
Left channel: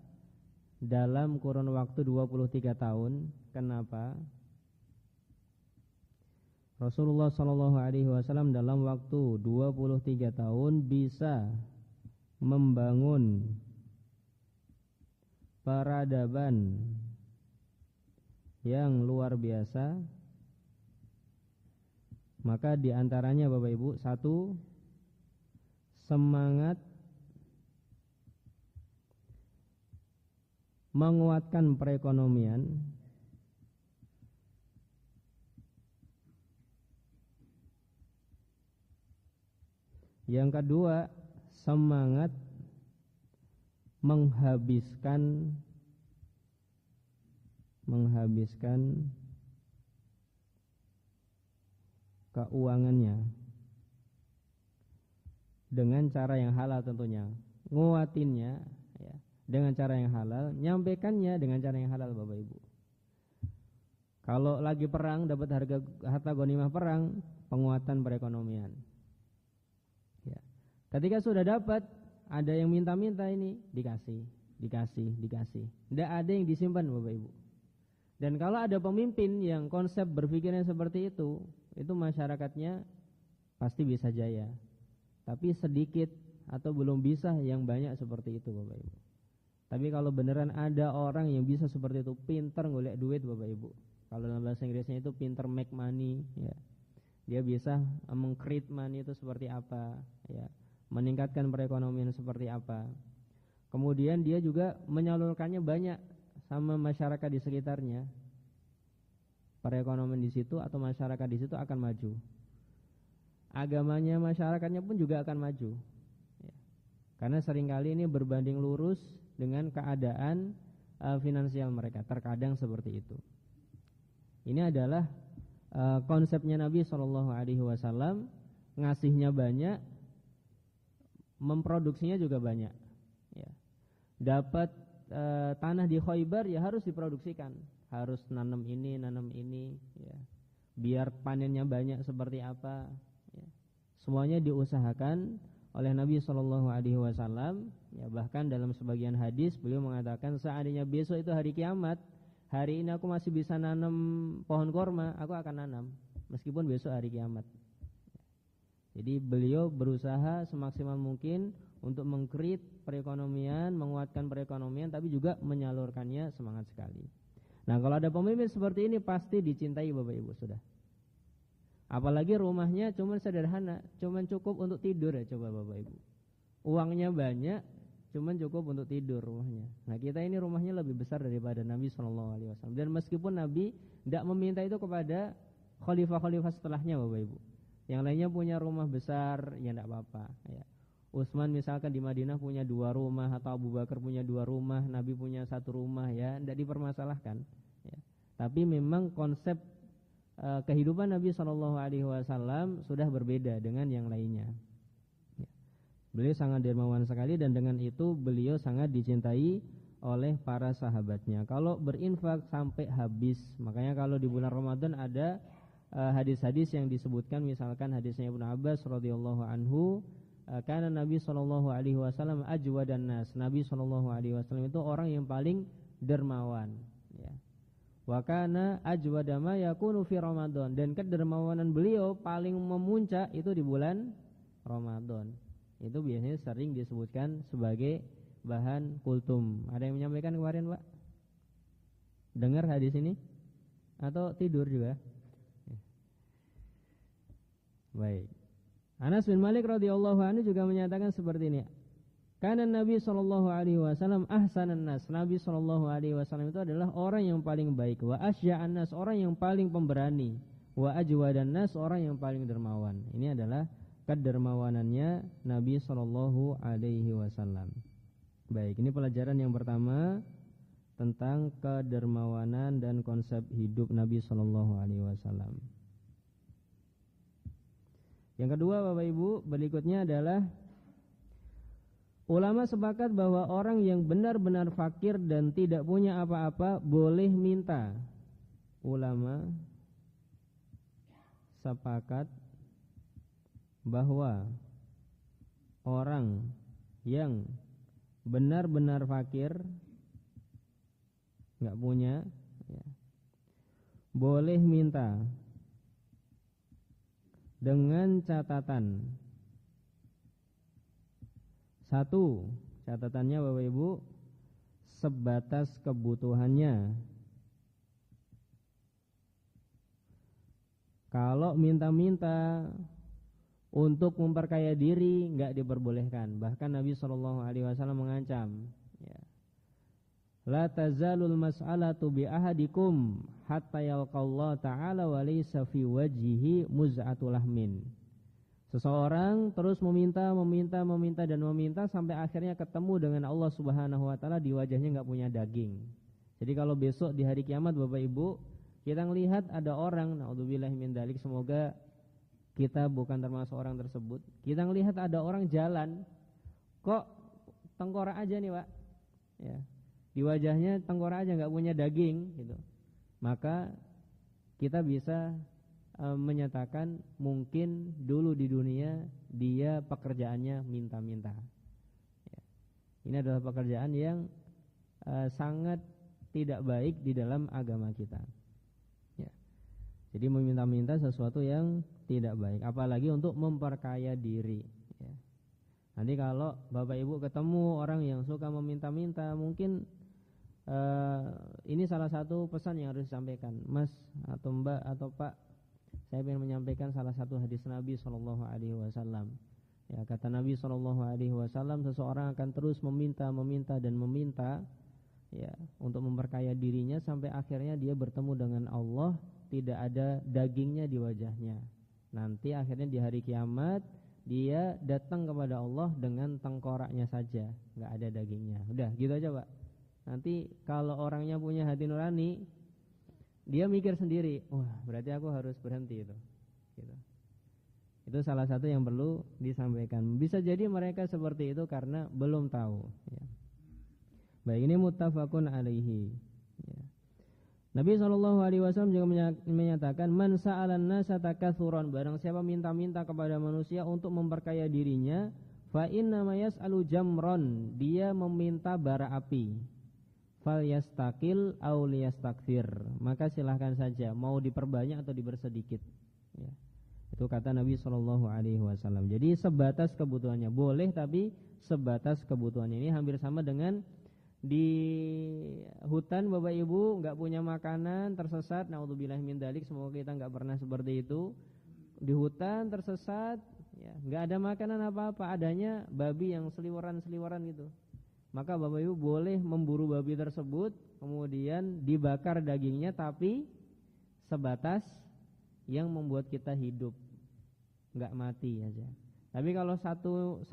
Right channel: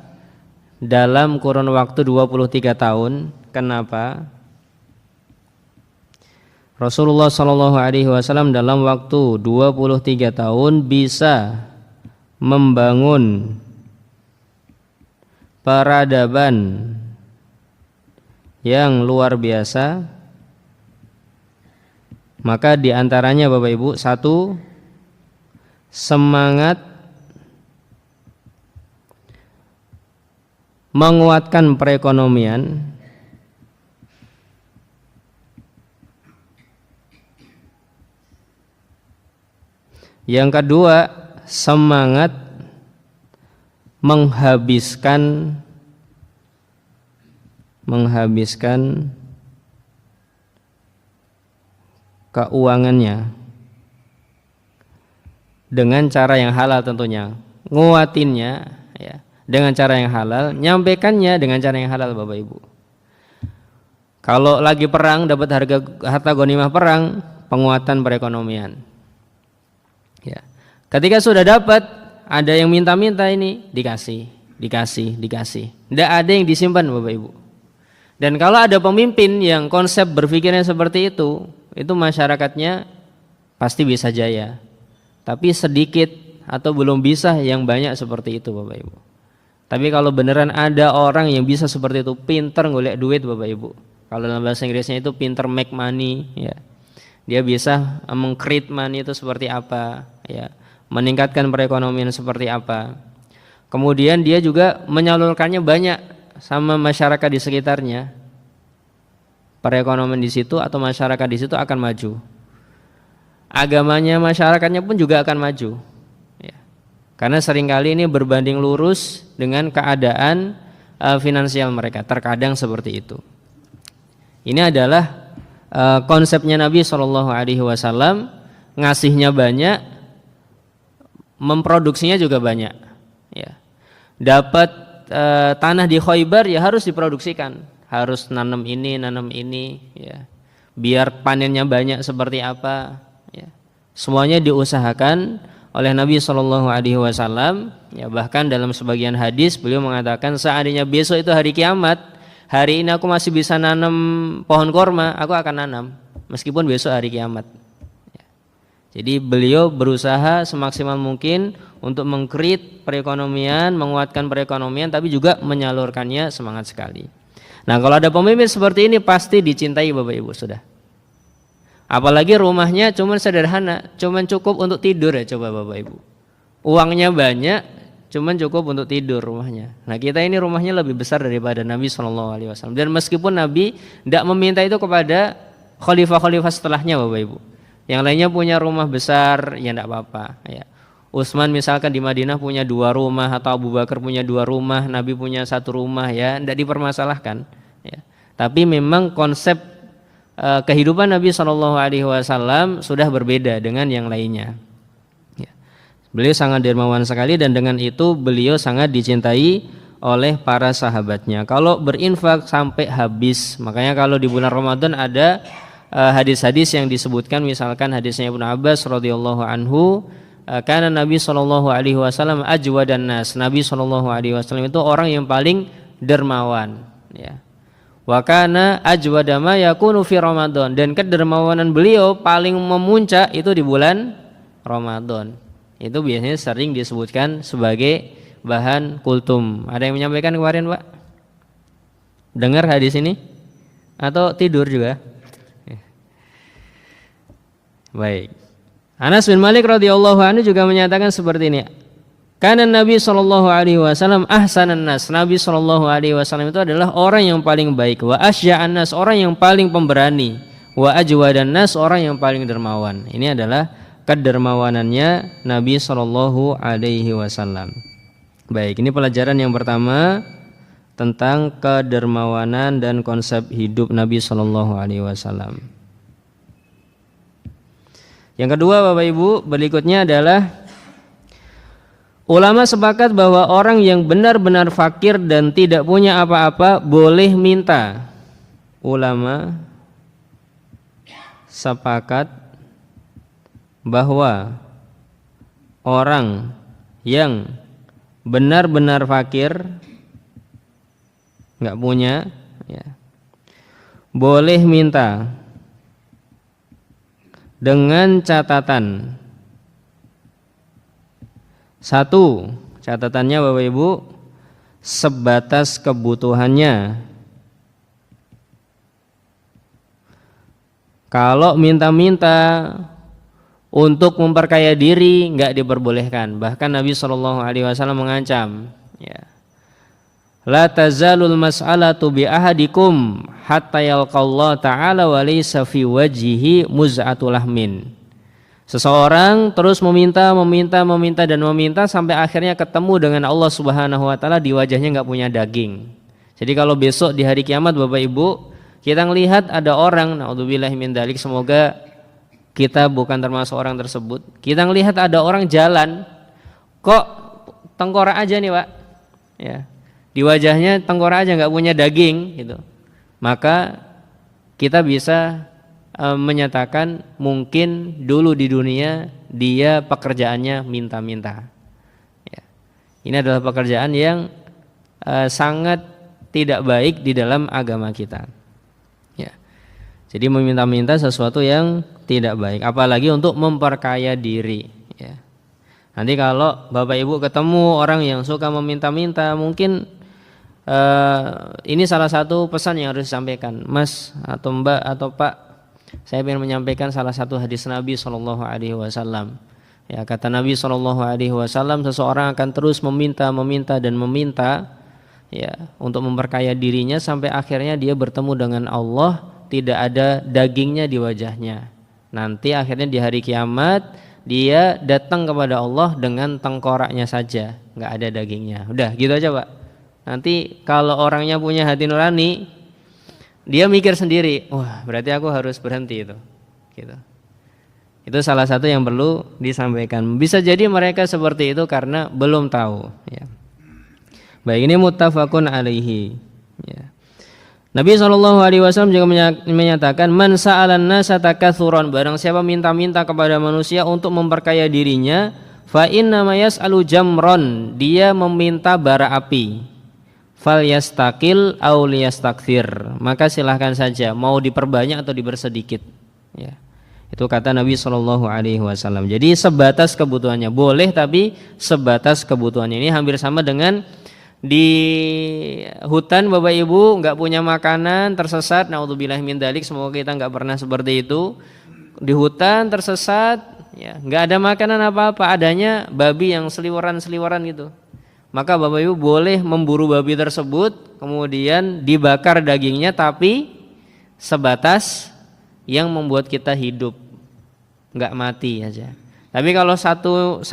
dalam kurun waktu 23 tahun? Kenapa? Rasulullah SAW dalam waktu 23 tahun bisa membangun peradaban yang luar biasa. Maka diantaranya Bapak Ibu, satu, semangat menguatkan perekonomian. Yang kedua, semangat menghabiskan keuangannya dengan cara yang halal tentunya. Nguatinnya ya dengan cara yang halal, nyampaikannya dengan cara yang halal Bapak Ibu. Kalau lagi perang dapat harta ghanimah perang, penguatan perekonomian. Ya. Ketika sudah dapat, ada yang minta-minta ini dikasih. Tidak ada yang disimpan Bapak Ibu. Dan kalau ada pemimpin yang konsep berpikirnya seperti itu masyarakatnya pasti bisa jaya. Tapi sedikit atau belum bisa yang banyak seperti itu Bapak Ibu. Tapi kalau beneran ada orang yang bisa seperti itu, pinter golek duit Bapak Ibu. Kalau dalam bahasa Inggrisnya itu pinter make money ya. Dia bisa meng-create money itu seperti apa ya, meningkatkan perekonomian seperti apa. Kemudian dia juga menyalurkannya banyak sama masyarakat di sekitarnya. Perekonomian di situ atau masyarakat di situ akan maju. Agamanya masyarakatnya pun juga akan maju. Ya. Karena seringkali ini berbanding lurus dengan keadaan finansial mereka. Terkadang seperti itu. Ini adalah konsepnya Nabi SAW, ngasihnya banyak, memproduksinya juga banyak. Ya. Dapat tanah di Khaybar ya harus diproduksikan, harus nanam ini ya. Biar panennya banyak seperti apa ya. Semuanya diusahakan oleh Nabi SAW ya. Bahkan dalam sebagian hadis beliau mengatakan, seandainya besok itu hari kiamat, hari ini aku masih bisa nanam pohon korma, aku akan nanam meskipun besok hari kiamat ya. Jadi beliau berusaha semaksimal mungkin untuk meng-create perekonomian, menguatkan perekonomian, tapi juga menyalurkannya semangat sekali. Nah kalau ada pemimpin seperti ini pasti dicintai Bapak Ibu sudah. Apalagi rumahnya cuman sederhana, cuman cukup untuk tidur ya, coba Bapak Ibu. Uangnya banyak, cuman cukup untuk tidur rumahnya. Nah kita ini rumahnya lebih besar daripada Nabi SAW. Dan meskipun Nabi tidak meminta itu kepada khalifah-khalifah setelahnya Bapak Ibu. Yang lainnya punya rumah besar, ya tidak apa-apa ya. Utsman misalkan di Madinah punya 2 rumah, atau Abu Bakar punya 2 rumah, Nabi punya 1 rumah ya, tidak dipermasalahkan ya. Tapi memang konsep kehidupan Nabi SAW sudah berbeda dengan yang lainnya ya. Beliau sangat dermawan sekali dan dengan itu beliau sangat dicintai oleh para sahabatnya. Kalau berinfak sampai habis, makanya kalau di bulan Ramadan ada hadis-hadis yang disebutkan, misalkan hadisnya Ibnu Abbas radhiyallahu anhu, karena Nabi SAW ajwadan nas. Nabi SAW itu orang yang paling dermawan ya. Wa kana ajwada ma yakunu fi Ramadan, dan kedermawanan beliau paling memuncak itu di bulan Ramadan. Itu biasanya sering disebutkan sebagai bahan kultum. Ada yang menyampaikan kemarin, Pak? Dengar hadis ini atau tidur juga? Baik. Anas bin Malik radhiyallahu anhu juga menyatakan seperti ini. Karena Nabi SAW ahsanan nas. Nabi SAW itu adalah orang yang paling baik. Wa asya'an nas, orang yang paling pemberani. Wa ajwadan nas, orang yang paling dermawan. Ini adalah kedermawanannya Nabi SAW. Baik, ini pelajaran yang pertama tentang kedermawanan dan konsep hidup Nabi SAW. Yang kedua Bapak Ibu, berikutnya adalah ulama sepakat bahwa orang yang benar-benar fakir dan tidak punya apa-apa boleh minta. Ulama sepakat bahwa orang yang benar-benar fakir, nggak punya ya, boleh minta dengan catatan. Satu, catatannya Bapak Ibu, sebatas kebutuhannya. Kalau minta-minta untuk memperkaya diri enggak diperbolehkan. Bahkan Nabi SAW mengancam ya. La tazalul mas'alatu bi ahadikum hatta yalqallahu ta'ala wa laysa fi wajhihi muz'atul lahmin. Seseorang terus meminta sampai akhirnya ketemu dengan Allah Subhanahu wa taala, di wajahnya enggak punya daging. Jadi kalau besok di hari kiamat Bapak Ibu, kita melihat ada orang, naudzubillahi min dzalik, semoga kita bukan termasuk orang tersebut. Kita melihat ada orang jalan, kok tengkorak aja nih Pak ya. Di wajahnya tengkorak aja, enggak punya daging gitu. Maka kita bisa menyatakan mungkin dulu di dunia dia pekerjaannya minta-minta ya. Ini adalah pekerjaan yang sangat tidak baik di dalam agama kita ya. Jadi meminta-minta sesuatu yang tidak baik, apalagi untuk memperkaya diri ya. Nanti kalau Bapak Ibu ketemu orang yang suka meminta-minta, mungkin ini salah satu pesan yang harus disampaikan, Mas atau Mbak atau Pak. Saya ingin menyampaikan salah satu hadis Nabi SAW. Ya, kata Nabi SAW, seseorang akan terus meminta dan meminta, ya, untuk memperkaya dirinya sampai akhirnya dia bertemu dengan Allah, tidak ada dagingnya di wajahnya. Nanti akhirnya di hari kiamat dia datang kepada Allah dengan tengkoraknya saja, nggak ada dagingnya. Udah gitu aja Pak. Nanti kalau orangnya punya hati nurani, dia mikir sendiri, wah berarti aku harus berhenti itu. Gitu. Itu salah satu yang perlu disampaikan. Bisa jadi mereka seperti itu karena belum tahu. Ya. Baik, ini muttafaqun alaihi. Ya. Nabi SAW juga menyatakan, man sa'alan nasa takatsuran, barang siapa minta-minta kepada manusia untuk memperkaya dirinya, fa inna ma yas'alu jamron, dia meminta bara api. Fal yastaqil aw liyastakthir, maka silahkan saja mau diperbanyak atau dipersedikit. Ya. Itu kata Nabi SAW. Jadi sebatas kebutuhannya, boleh tapi sebatas kebutuhannya. Ini hampir sama dengan di hutan Bapak Ibu nggak punya makanan, tersesat, naudzubillah min dzalik, semoga kita nggak pernah seperti itu. Di hutan tersesat, ya nggak ada makanan apa-apa, adanya babi yang seliweran gitu. Maka Bapak Ibu boleh memburu babi tersebut, kemudian dibakar dagingnya, tapi sebatas yang membuat kita hidup, nggak mati aja. Tapi kalau satu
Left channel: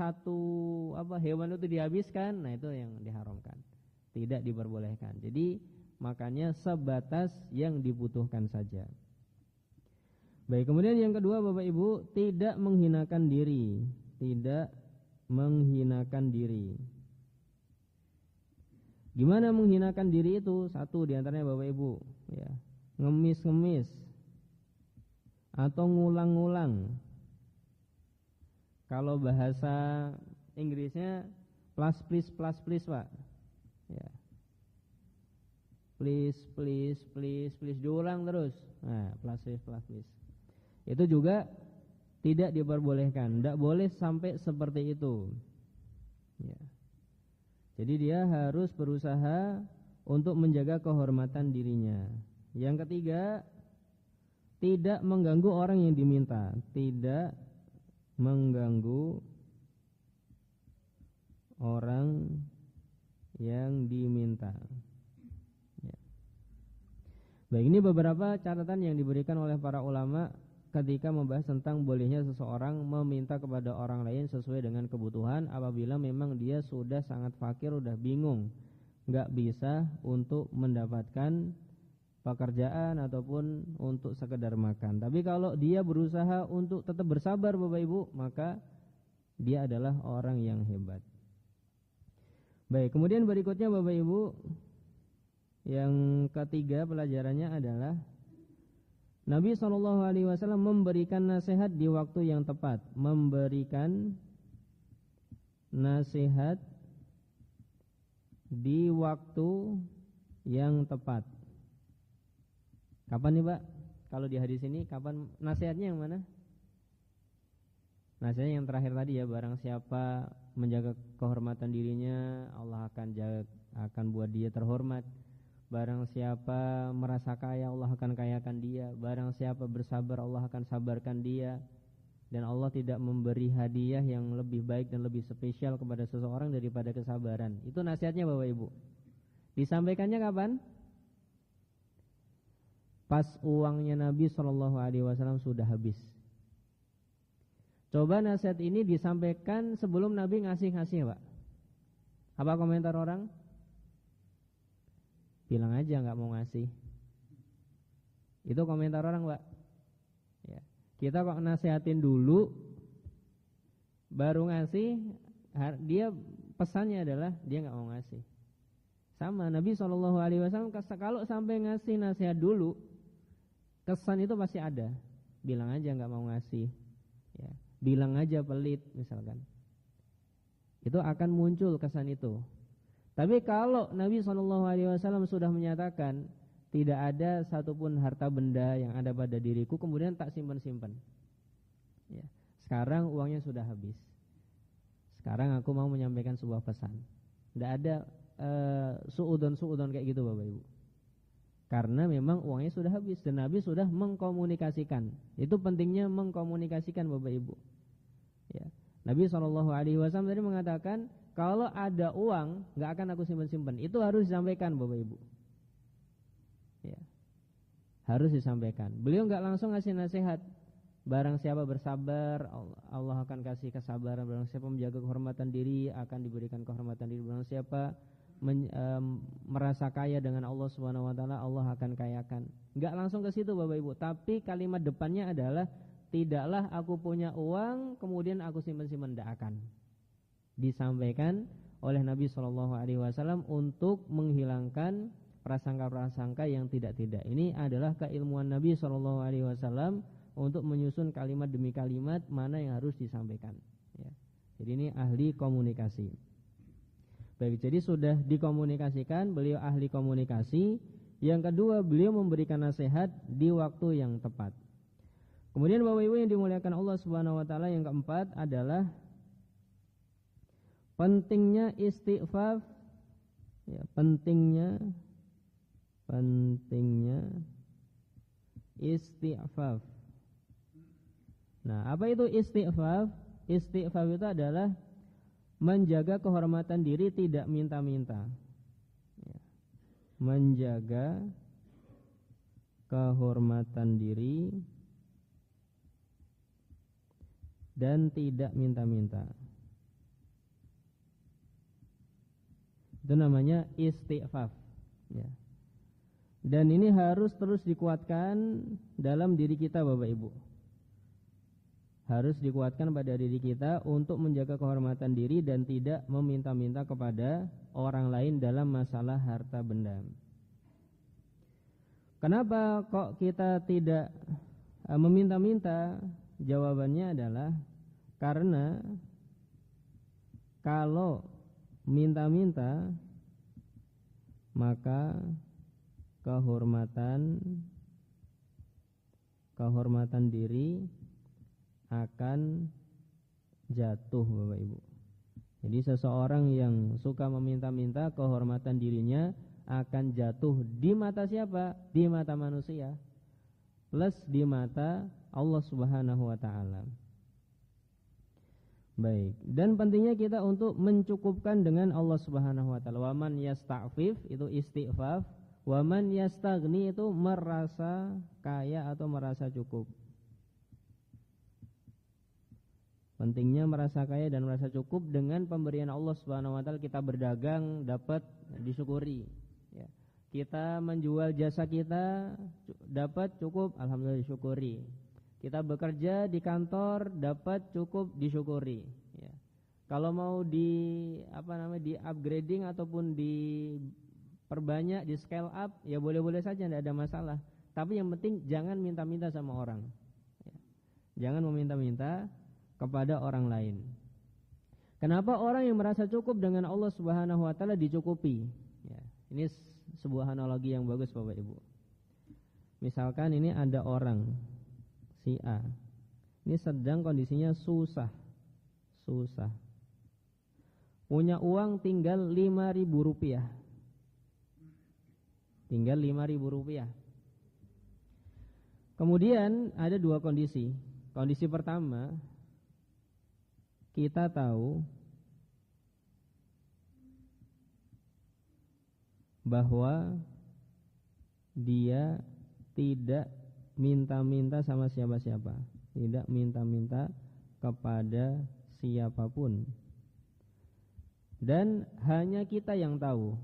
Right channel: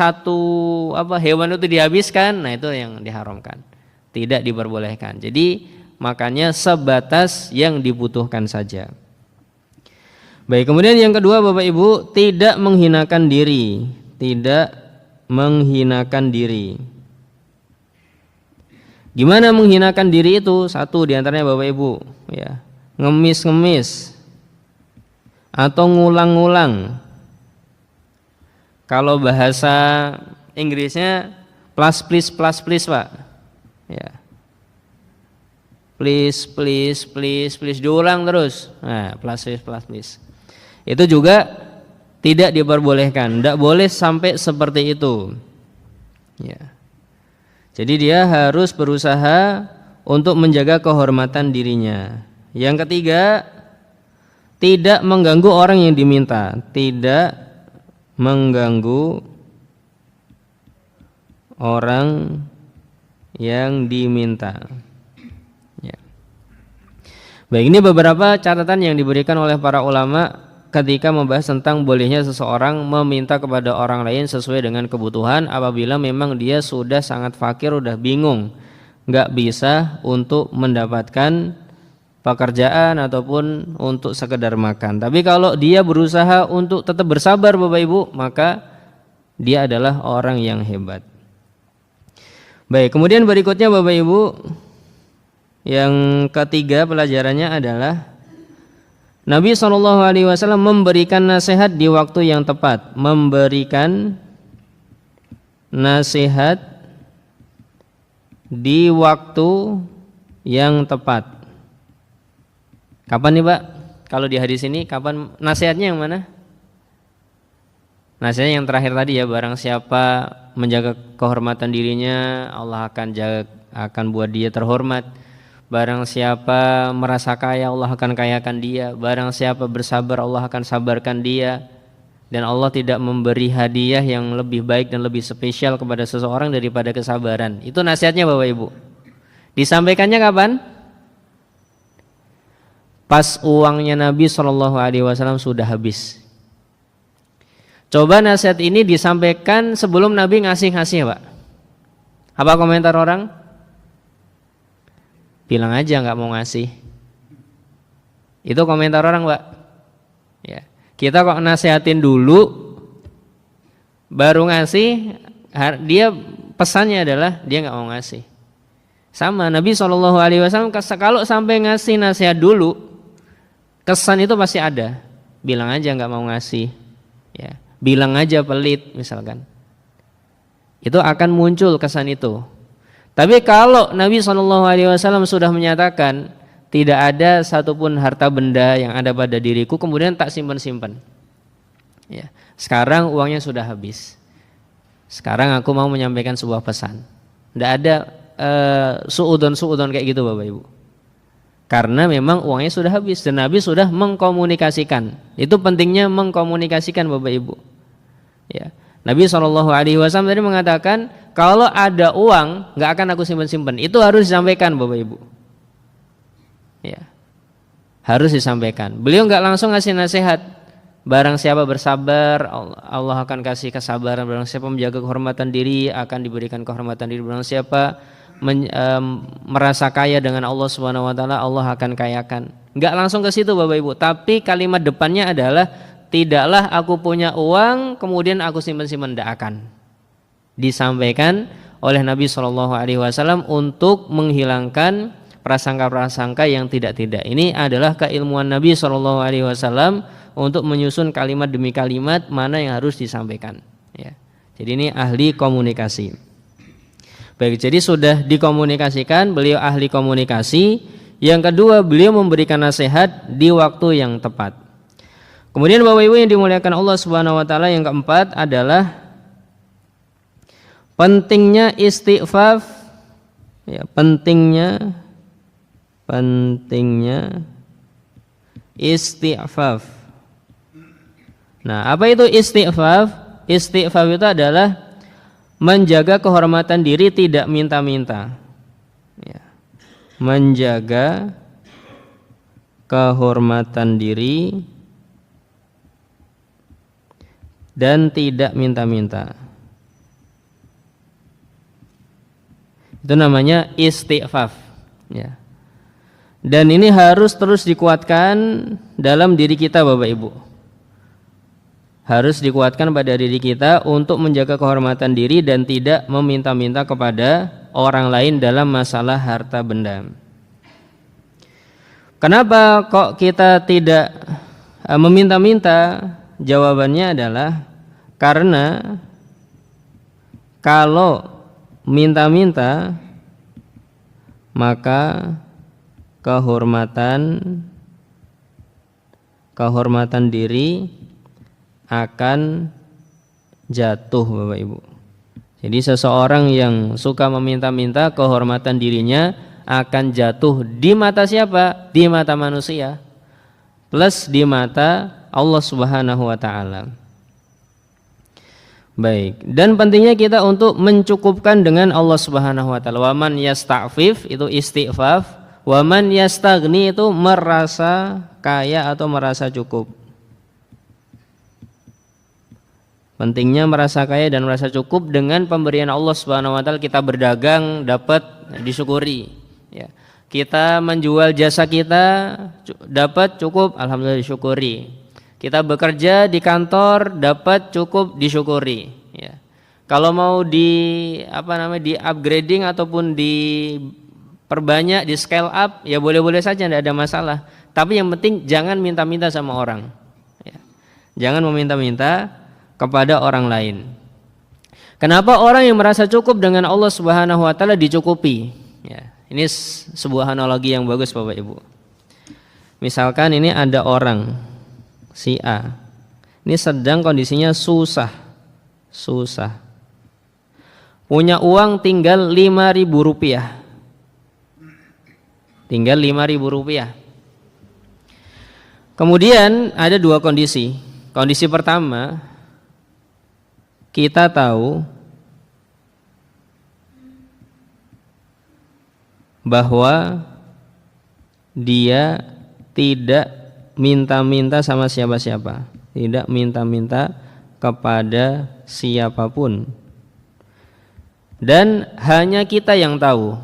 hewan itu dihabiskan, nah itu yang diharamkan. Tidak diperbolehkan. Jadi makanya sebatas yang dibutuhkan saja. Baik, kemudian yang kedua Bapak Ibu, tidak menghinakan diri. Tidak menghinakan diri. Gimana menghinakan diri itu? Satu diantaranya Bapak Ibu, ya, ngemis-ngemis atau ngulang-ngulang. Kalau bahasa Inggrisnya plus please Pak. Ya. Please diulang terus. Nah, please. Itu juga tidak diperbolehkan. Tidak boleh sampai seperti itu. Ya. Jadi dia harus berusaha untuk menjaga kehormatan dirinya. Yang ketiga, tidak mengganggu orang yang diminta. Tidak mengganggu orang yang diminta. Ya. Baik, ini beberapa catatan yang diberikan oleh para ulama ketika membahas tentang bolehnya seseorang meminta kepada orang lain sesuai dengan kebutuhan apabila memang dia sudah sangat fakir, udah bingung, nggak bisa untuk mendapatkan pekerjaan ataupun untuk sekedar makan. Tapi kalau dia berusaha untuk tetap bersabar Bapak Ibu, maka dia adalah orang yang hebat. Baik, kemudian berikutnya Bapak Ibu, yang ketiga pelajarannya adalah Nabi SAW memberikan nasihat di waktu yang tepat. Memberikan nasihat di waktu yang tepat. Kapan nih Pak? Kalau di hadis ini kapan nasihatnya yang mana? Nasihatnya yang terakhir tadi ya, barang siapa menjaga kehormatan dirinya, Allah akan buat dia terhormat. Barang siapa merasa kaya, Allah akan kayakan dia. Barang siapa bersabar, Allah akan sabarkan dia. Dan Allah tidak memberi hadiah yang lebih baik dan lebih spesial kepada seseorang daripada kesabaran. Itu nasihatnya Bapak Ibu. Disampaikannya kapan? Pas uangnya Nabi SAW sudah habis. Coba nasihat ini disampaikan sebelum Nabi ngasih-ngasih Pak. Apa komentar orang? Bilang aja nggak mau ngasih. Itu komentar orang Pak. Ya. Kita kok nasihatin dulu, baru ngasih, dia pesannya adalah dia nggak mau ngasih. Sama Nabi SAW kalau sampai ngasih nasihat dulu, kesan itu pasti ada. Bilang aja nggak mau ngasih. Ya. Bilang aja pelit misalkan, itu akan muncul kesan itu. Tapi kalau Nabi SAW sudah menyatakan tidak ada satupun harta benda yang ada pada diriku kemudian tak simpan-simpan, ya, sekarang uangnya sudah habis, Sekarang aku mau menyampaikan sebuah pesan. Tidak ada suudon kayak gitu Bapak Ibu. Karena memang uangnya sudah habis dan Nabi sudah mengkomunikasikan. Itu pentingnya mengkomunikasikan Bapak Ibu. Ya. Nabi SAW tadi mengatakan kalau ada uang nggak akan aku simpan-simpan. Itu harus disampaikan Bapak Ibu. Ya. Harus disampaikan. Beliau nggak langsung ngasih nasihat. Barang siapa bersabar, Allah akan kasih kesabaran. Barang siapa menjaga kehormatan diri, akan diberikan kehormatan diri. Barang siapa merasa kaya dengan Allah Subhanahu wa taala, Allah akan kayakan. Enggak langsung ke situ Bapak Ibu, tapi kalimat depannya adalah tidaklah aku punya uang kemudian aku simpan-simpan, tidak akan. Disampaikan oleh Nabi SAW untuk menghilangkan prasangka-prasangka yang tidak-tidak. Ini adalah keilmuan Nabi SAW untuk menyusun kalimat demi kalimat mana yang harus disampaikan. Ya. Jadi ini ahli komunikasi. Baik, jadi sudah dikomunikasikan, beliau ahli komunikasi. Yang kedua, beliau memberikan nasihat di waktu yang tepat. Kemudian Bapak Ibu yang dimuliakan Allah Subhanahu wa taala, yang keempat adalah pentingnya istighfar, ya, pentingnya istighfar. Nah, apa itu istighfar? Istighfar itu adalah menjaga kehormatan diri, tidak minta-minta. Ya. Menjaga kehormatan diri dan tidak minta-minta. Itu namanya istighfar. Ya. Dan ini harus terus dikuatkan dalam diri kita Bapak Ibu. Harus dikuatkan pada diri kita untuk menjaga kehormatan diri dan tidak meminta-minta kepada orang lain dalam masalah harta benda. Kenapa kok kita tidak meminta-minta? Jawabannya adalah karena kalau minta-minta maka kehormatan diri akan jatuh Bapak Ibu. Jadi seseorang yang suka meminta-minta, kehormatan dirinya akan jatuh di mata siapa? Di mata manusia plus di mata Allah Subhanahu wa taala. Baik, dan pentingnya kita untuk mencukupkan dengan Allah Subhanahu wa taala. Wa man yasta'fif itu istighfaf, wa man yastaghni itu merasa kaya atau merasa cukup. Pentingnya merasa kaya dan merasa cukup dengan pemberian Allah Subhanahu wa taala. Kita berdagang dapat disyukuri, ya. Kita menjual jasa kita dapat cukup, alhamdulillah disyukuri. Kita bekerja di kantor dapat cukup disyukuri, ya. Kalau mau di upgrading ataupun diperbanyak, di scale up, ya boleh-boleh saja, tidak ada masalah. Tapi yang penting jangan minta-minta sama orang, ya. Jangan meminta-minta kepada orang lain. Kenapa orang yang merasa cukup dengan Allah Subhanahu wa taala dicukupi? Ya, ini sebuah analogi yang bagus Bapak Ibu. Misalkan ini ada orang si A. Ini sedang kondisinya susah. Punya uang tinggal 5.000 rupiah. Tinggal 5.000 rupiah. Kemudian ada dua kondisi. Kondisi pertama, kita tahu bahwa dia tidak minta-minta sama siapa-siapa, tidak minta-minta kepada siapapun, dan hanya kita yang tahu.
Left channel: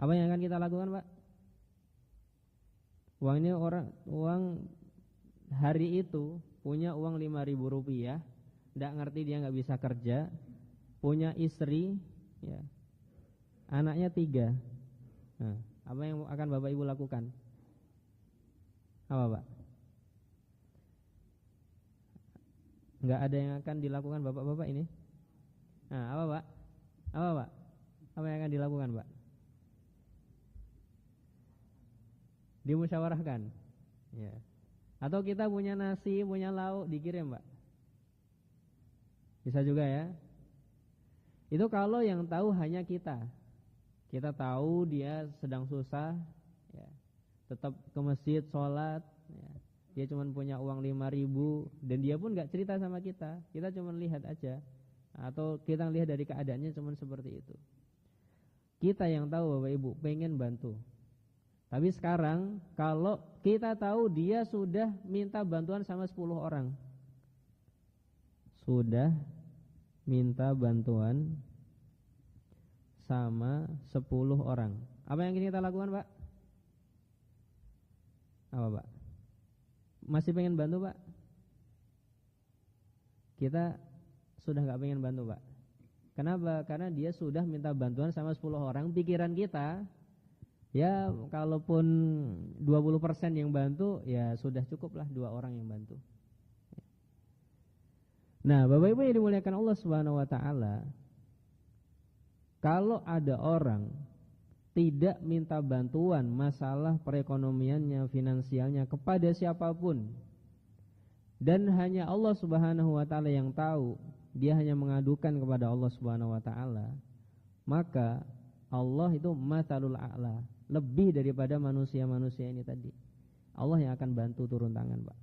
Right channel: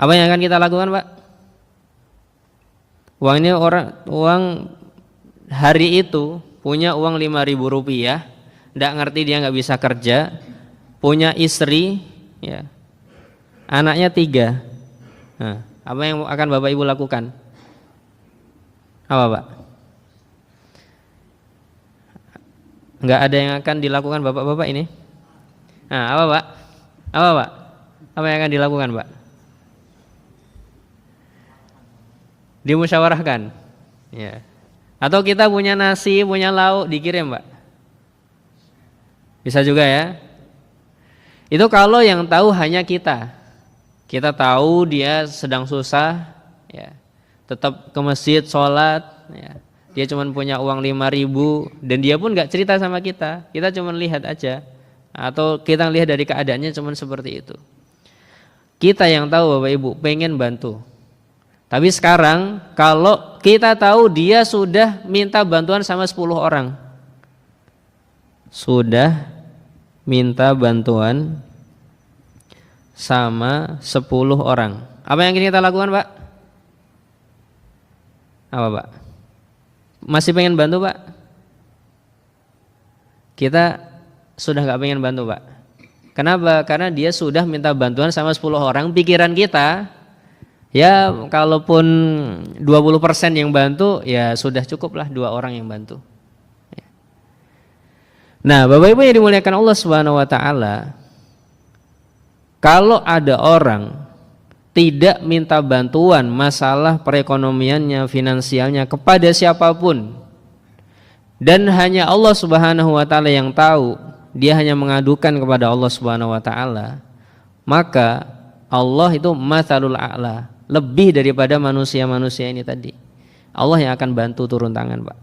Apa yang akan kita lakukan, Pak? Uang hari itu punya uang 5.000 rupiah, tidak ngerti, dia nggak bisa kerja, punya istri, ya, anaknya 3. Nah, apa yang akan Bapak Ibu lakukan? Apa Pak? Nggak ada yang akan dilakukan Bapak-bapak ini? Nah, apa Pak? Apa yang akan dilakukan Pak? Dimusyawarahkan, ya. Atau kita punya nasi, punya lauk, dikirim Pak? Bisa juga ya. Itu kalau yang tahu hanya kita. Kita tahu dia sedang susah, ya, tetap ke masjid sholat, ya. Dia cuma punya uang 5.000 dan dia pun nggak cerita sama kita. Kita cuma lihat aja, atau kita lihat dari keadaannya cuma seperti itu. Kita yang tahu Bapak Ibu pengen bantu. Tapi sekarang kalau kita tahu dia sudah minta bantuan sama 10 orang, sudah minta bantuan sama 10 orang, apa yang kita lakukan Pak? Apa Pak? Masih pengen bantu Pak? Kita sudah gak pengen bantu Pak. Kenapa? Karena dia sudah minta bantuan sama 10 orang. Pikiran kita, ya kalaupun 20% yang bantu, ya sudah cukuplah 2 orang yang bantu. Nah Bapak Ibu yang dimuliakan Allah Subhanahu wa ta'ala, kalau ada orang tidak minta bantuan masalah perekonomiannya, finansialnya kepada siapapun, dan hanya Allah Subhanahu wa ta'ala yang tahu, dia hanya mengadukan kepada Allah Subhanahu wa ta'ala, maka Allah itu matsalul a'la, lebih daripada manusia-manusia ini tadi. Allah yang akan bantu turun tangan Pak,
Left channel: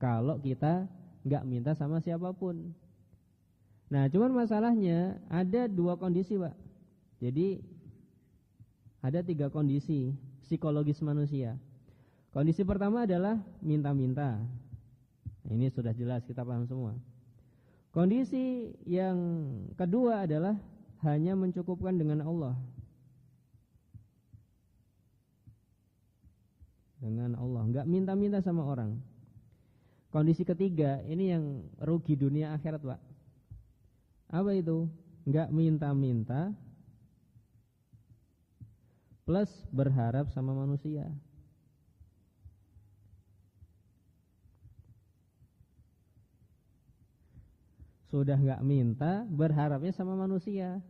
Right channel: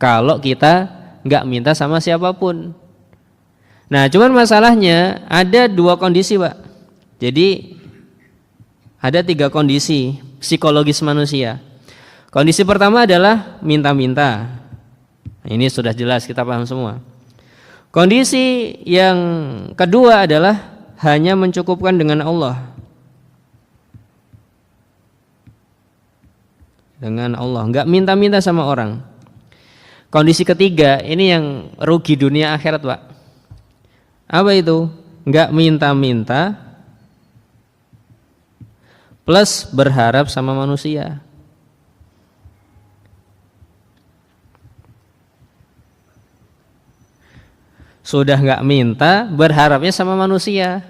kalau kita nggak minta sama siapapun. Nah cuman masalahnya ada 2 kondisi Pak. Jadi ada 3 kondisi psikologis manusia. Kondisi pertama adalah minta-minta. Ini sudah jelas, kita paham semua. Kondisi yang kedua adalah hanya mencukupkan dengan Allah. Dengan Allah, enggak minta-minta sama orang. Kondisi ketiga ini yang rugi dunia akhirat Pak. Apa itu? Enggak minta-minta plus berharap sama manusia. Sudah enggak minta, berharapnya sama manusia.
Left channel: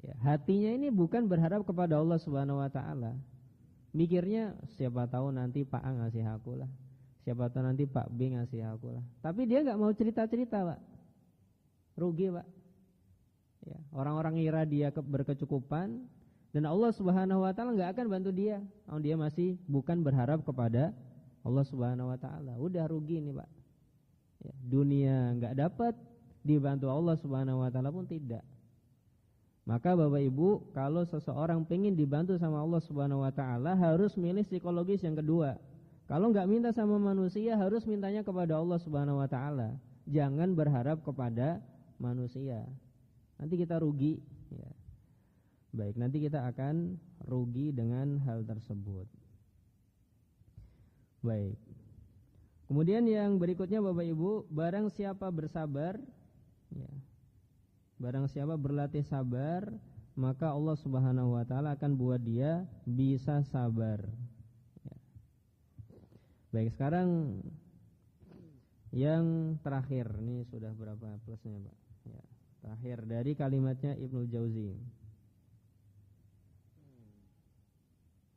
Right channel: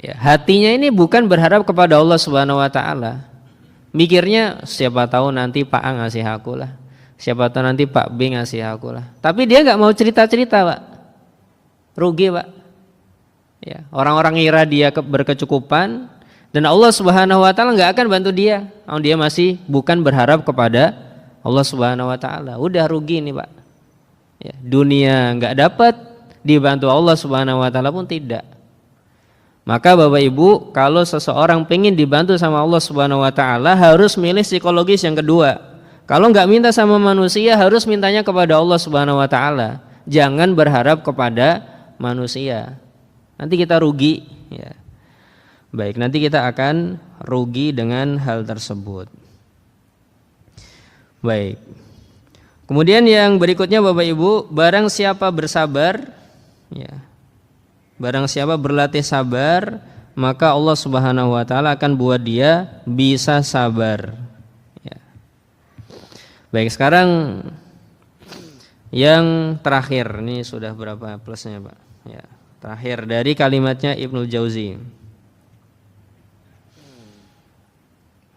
Ya, hatinya ini bukan berharap kepada Allah Subhanahu wa ta'ala. Mikirnya siapa tahu nanti Pak A ngasih aku lah, siapa tahu nanti Pak B ngasih aku lah. Tapi dia enggak mau cerita-cerita Pak. Rugi Pak. Ya, orang-orang ngira dia berkecukupan, dan Allah Subhanahu wa ta'ala enggak akan bantu dia. Dia masih bukan berharap kepada Allah Subhanahu wa ta'ala. Udah rugi nih Pak. Ya, dunia enggak dapat, dibantu Allah Subhanahu wa ta'ala pun tidak. Maka Bapak Ibu, kalau seseorang pengen dibantu sama Allah Subhanahu wa ta'ala, harus milih psikologis yang kedua. Kalau enggak minta sama manusia, harus mintanya kepada Allah Subhanahu wa ta'ala. Jangan berharap kepada manusia. Nanti kita rugi, ya. Baik, nanti kita akan rugi dengan hal tersebut. Baik. Kemudian yang berikutnya Bapak Ibu, barang siapa bersabar, ya, barang siapa berlatih sabar, maka Allah Subhanahu wa ta'ala akan buat dia bisa sabar, ya. Baik, sekarang yang terakhir, ini sudah berapa plusnya Pak? Ya, terakhir dari kalimatnya Ibnu Jauzi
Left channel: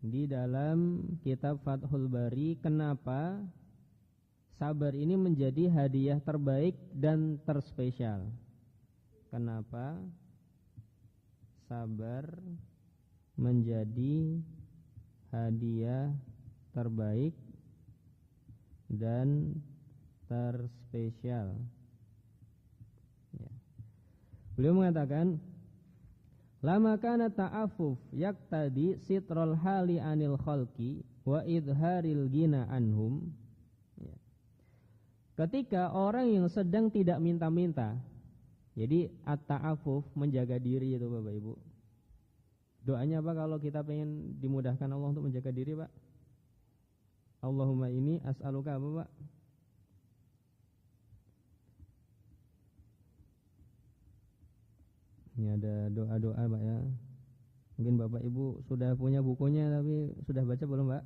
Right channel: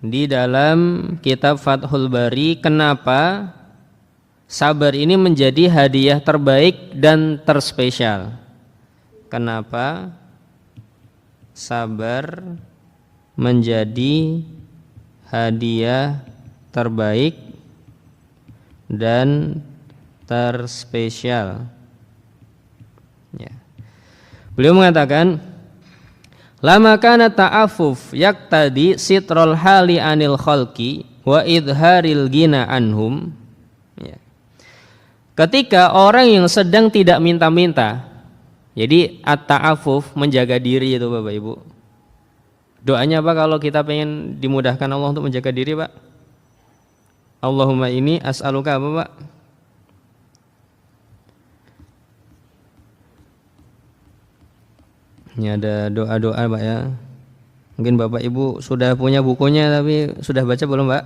di dalam kitab Fathul Bari. Kenapa sabar ini menjadi hadiah terbaik dan terspesial? Kenapa sabar menjadi hadiah terbaik dan terspesial? Ya. Beliau mengatakan, lama kana ta'affuf yaqtadi sitrul hali anil khalqi wa idharil ghina anhum. Ya. Ketika orang yang sedang tidak minta-minta, jadi at-ta'affuf, menjaga diri itu Bapak Ibu. Doanya apa kalau kita pengen dimudahkan Allah untuk menjaga diri Pak? Allahumma ini as'aluka apa Pak? Ini ada doa-doa Pak ya. Mungkin Bapak Ibu sudah punya bukunya, tapi sudah baca belum Pak?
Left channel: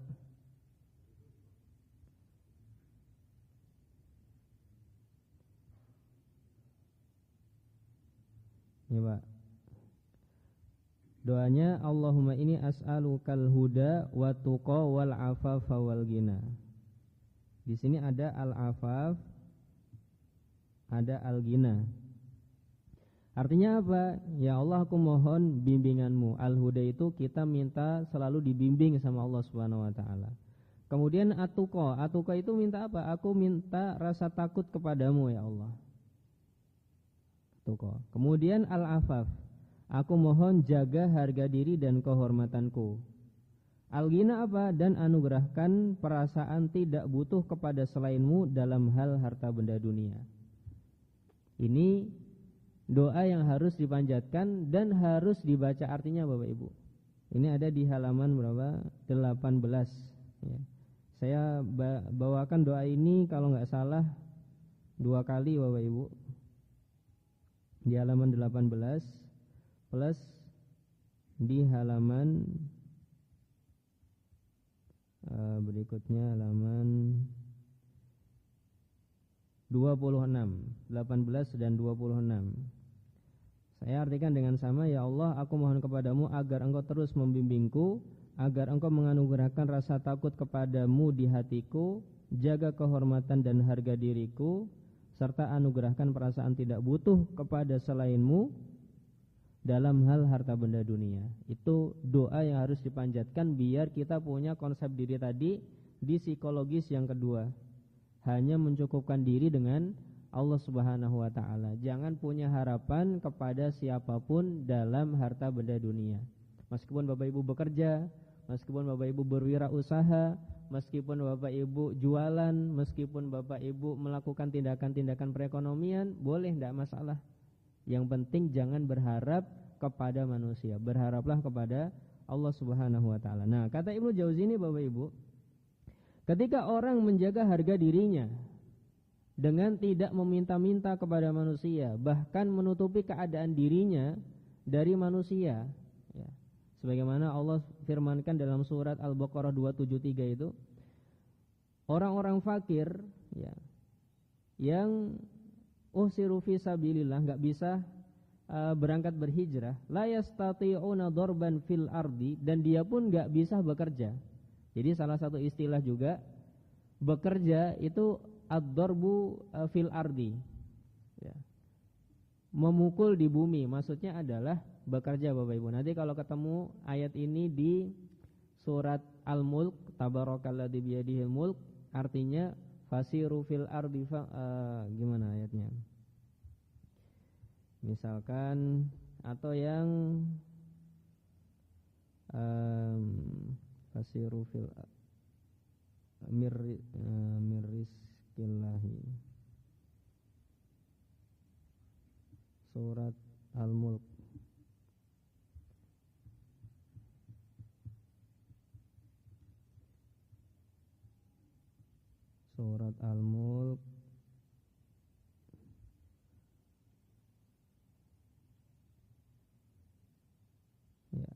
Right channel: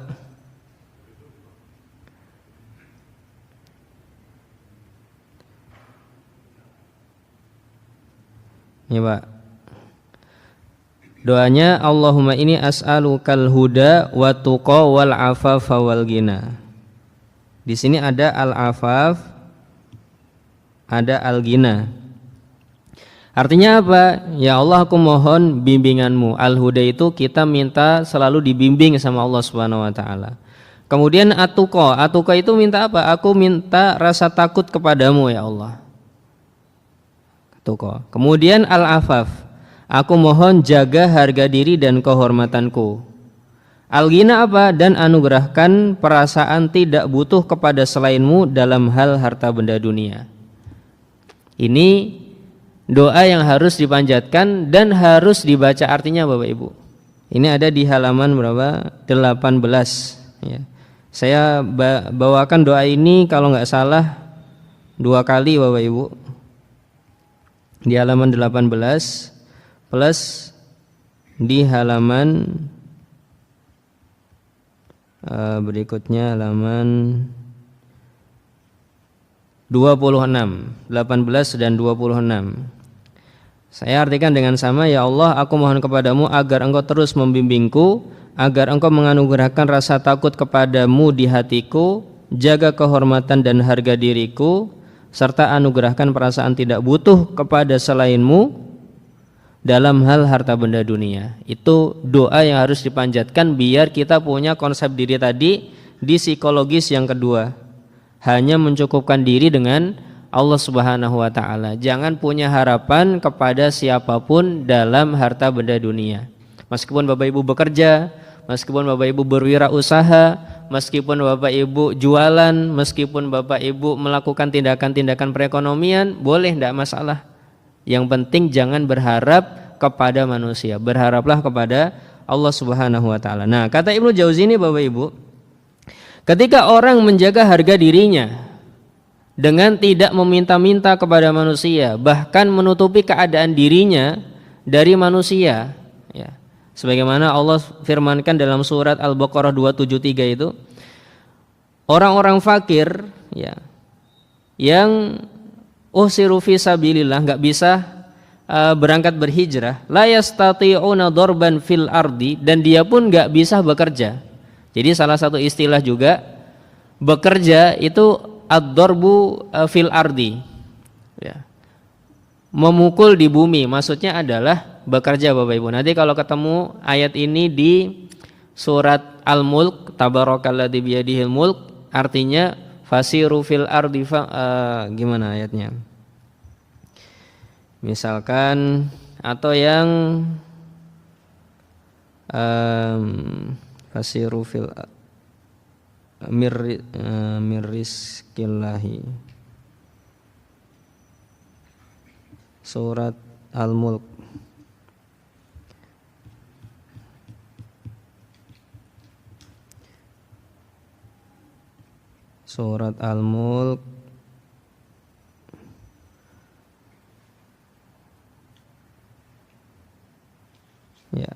Ini Pak. Doanya Allahumma ini as'alukal huda wa tuqa wal afafa wal ghina. Di sini ada al-afaf, ada al-ghina. Artinya apa? Ya Allah, aku mohon bimbinganmu. Al-huda itu kita minta selalu dibimbing sama Allah Subhanahu wa taala. Kemudian atuqa itu minta apa? Aku minta rasa takut kepadamu ya Allah. Atuqa. Kemudian al-afaf, aku mohon jaga harga diri dan kehormatanku. Al-ghina apa? Dan anugerahkan perasaan tidak butuh kepada selainmu dalam hal harta benda dunia. Ini doa yang harus dipanjatkan dan harus dibaca artinya Bapak Ibu. Ini ada di halaman berapa? 18 ya. Saya bawakan doa ini kalau nggak salah 2 kali Bapak Ibu. Di halaman 18 plus di halaman berikutnya halaman 26, 18 dan 26. Saya artikan dengan sama, ya Allah, aku mohon kepadamu agar engkau terus membimbingku, agar engkau menganugerahkan rasa takut kepadamu di hatiku, jaga kehormatan dan harga diriku, serta anugerahkan perasaan tidak butuh kepada selainmu dalam hal harta benda dunia. Itu doa yang harus dipanjatkan biar kita punya konsep diri tadi di psikologis yang kedua. Hanya mencukupkan diri dengan Allah Subhanahu wa taala. Jangan punya harapan kepada siapapun dalam harta benda dunia. Meskipun Bapak Ibu bekerja, meskipun Bapak Ibu berwirausaha, meskipun Bapak Ibu jualan, meskipun Bapak Ibu melakukan tindakan-tindakan perekonomian, boleh, tidak masalah. Yang penting jangan berharap kepada manusia, berharaplah kepada Allah Subhanahu wa taala. Nah, kata Ibnu Jauzi ini Bapak Ibu, ketika orang menjaga harga dirinya dengan tidak meminta-minta kepada manusia, bahkan menutupi keadaan dirinya dari manusia, ya. Sebagaimana Allah firmankan dalam surat Al-Baqarah 273 itu, orang-orang fakir, ya, yang usiru fi sabilillah, enggak bisa berangkat berhijrah, la yastati'una darban fil ardi, dan dia pun enggak bisa bekerja. Jadi salah satu istilah juga bekerja itu ad-darbu fil ardi, ya. Memukul di bumi, maksudnya adalah bekerja Bapak Ibu. Nanti kalau ketemu ayat ini di surat Al-Mulk, tabarakalladzi biyadihil mulk, artinya fasiru fil ardi, gimana ayatnya? Misalkan atau yang fasiru fil mirrizqillahi, surat Al-Mulk. Surat Al-Mulk ya.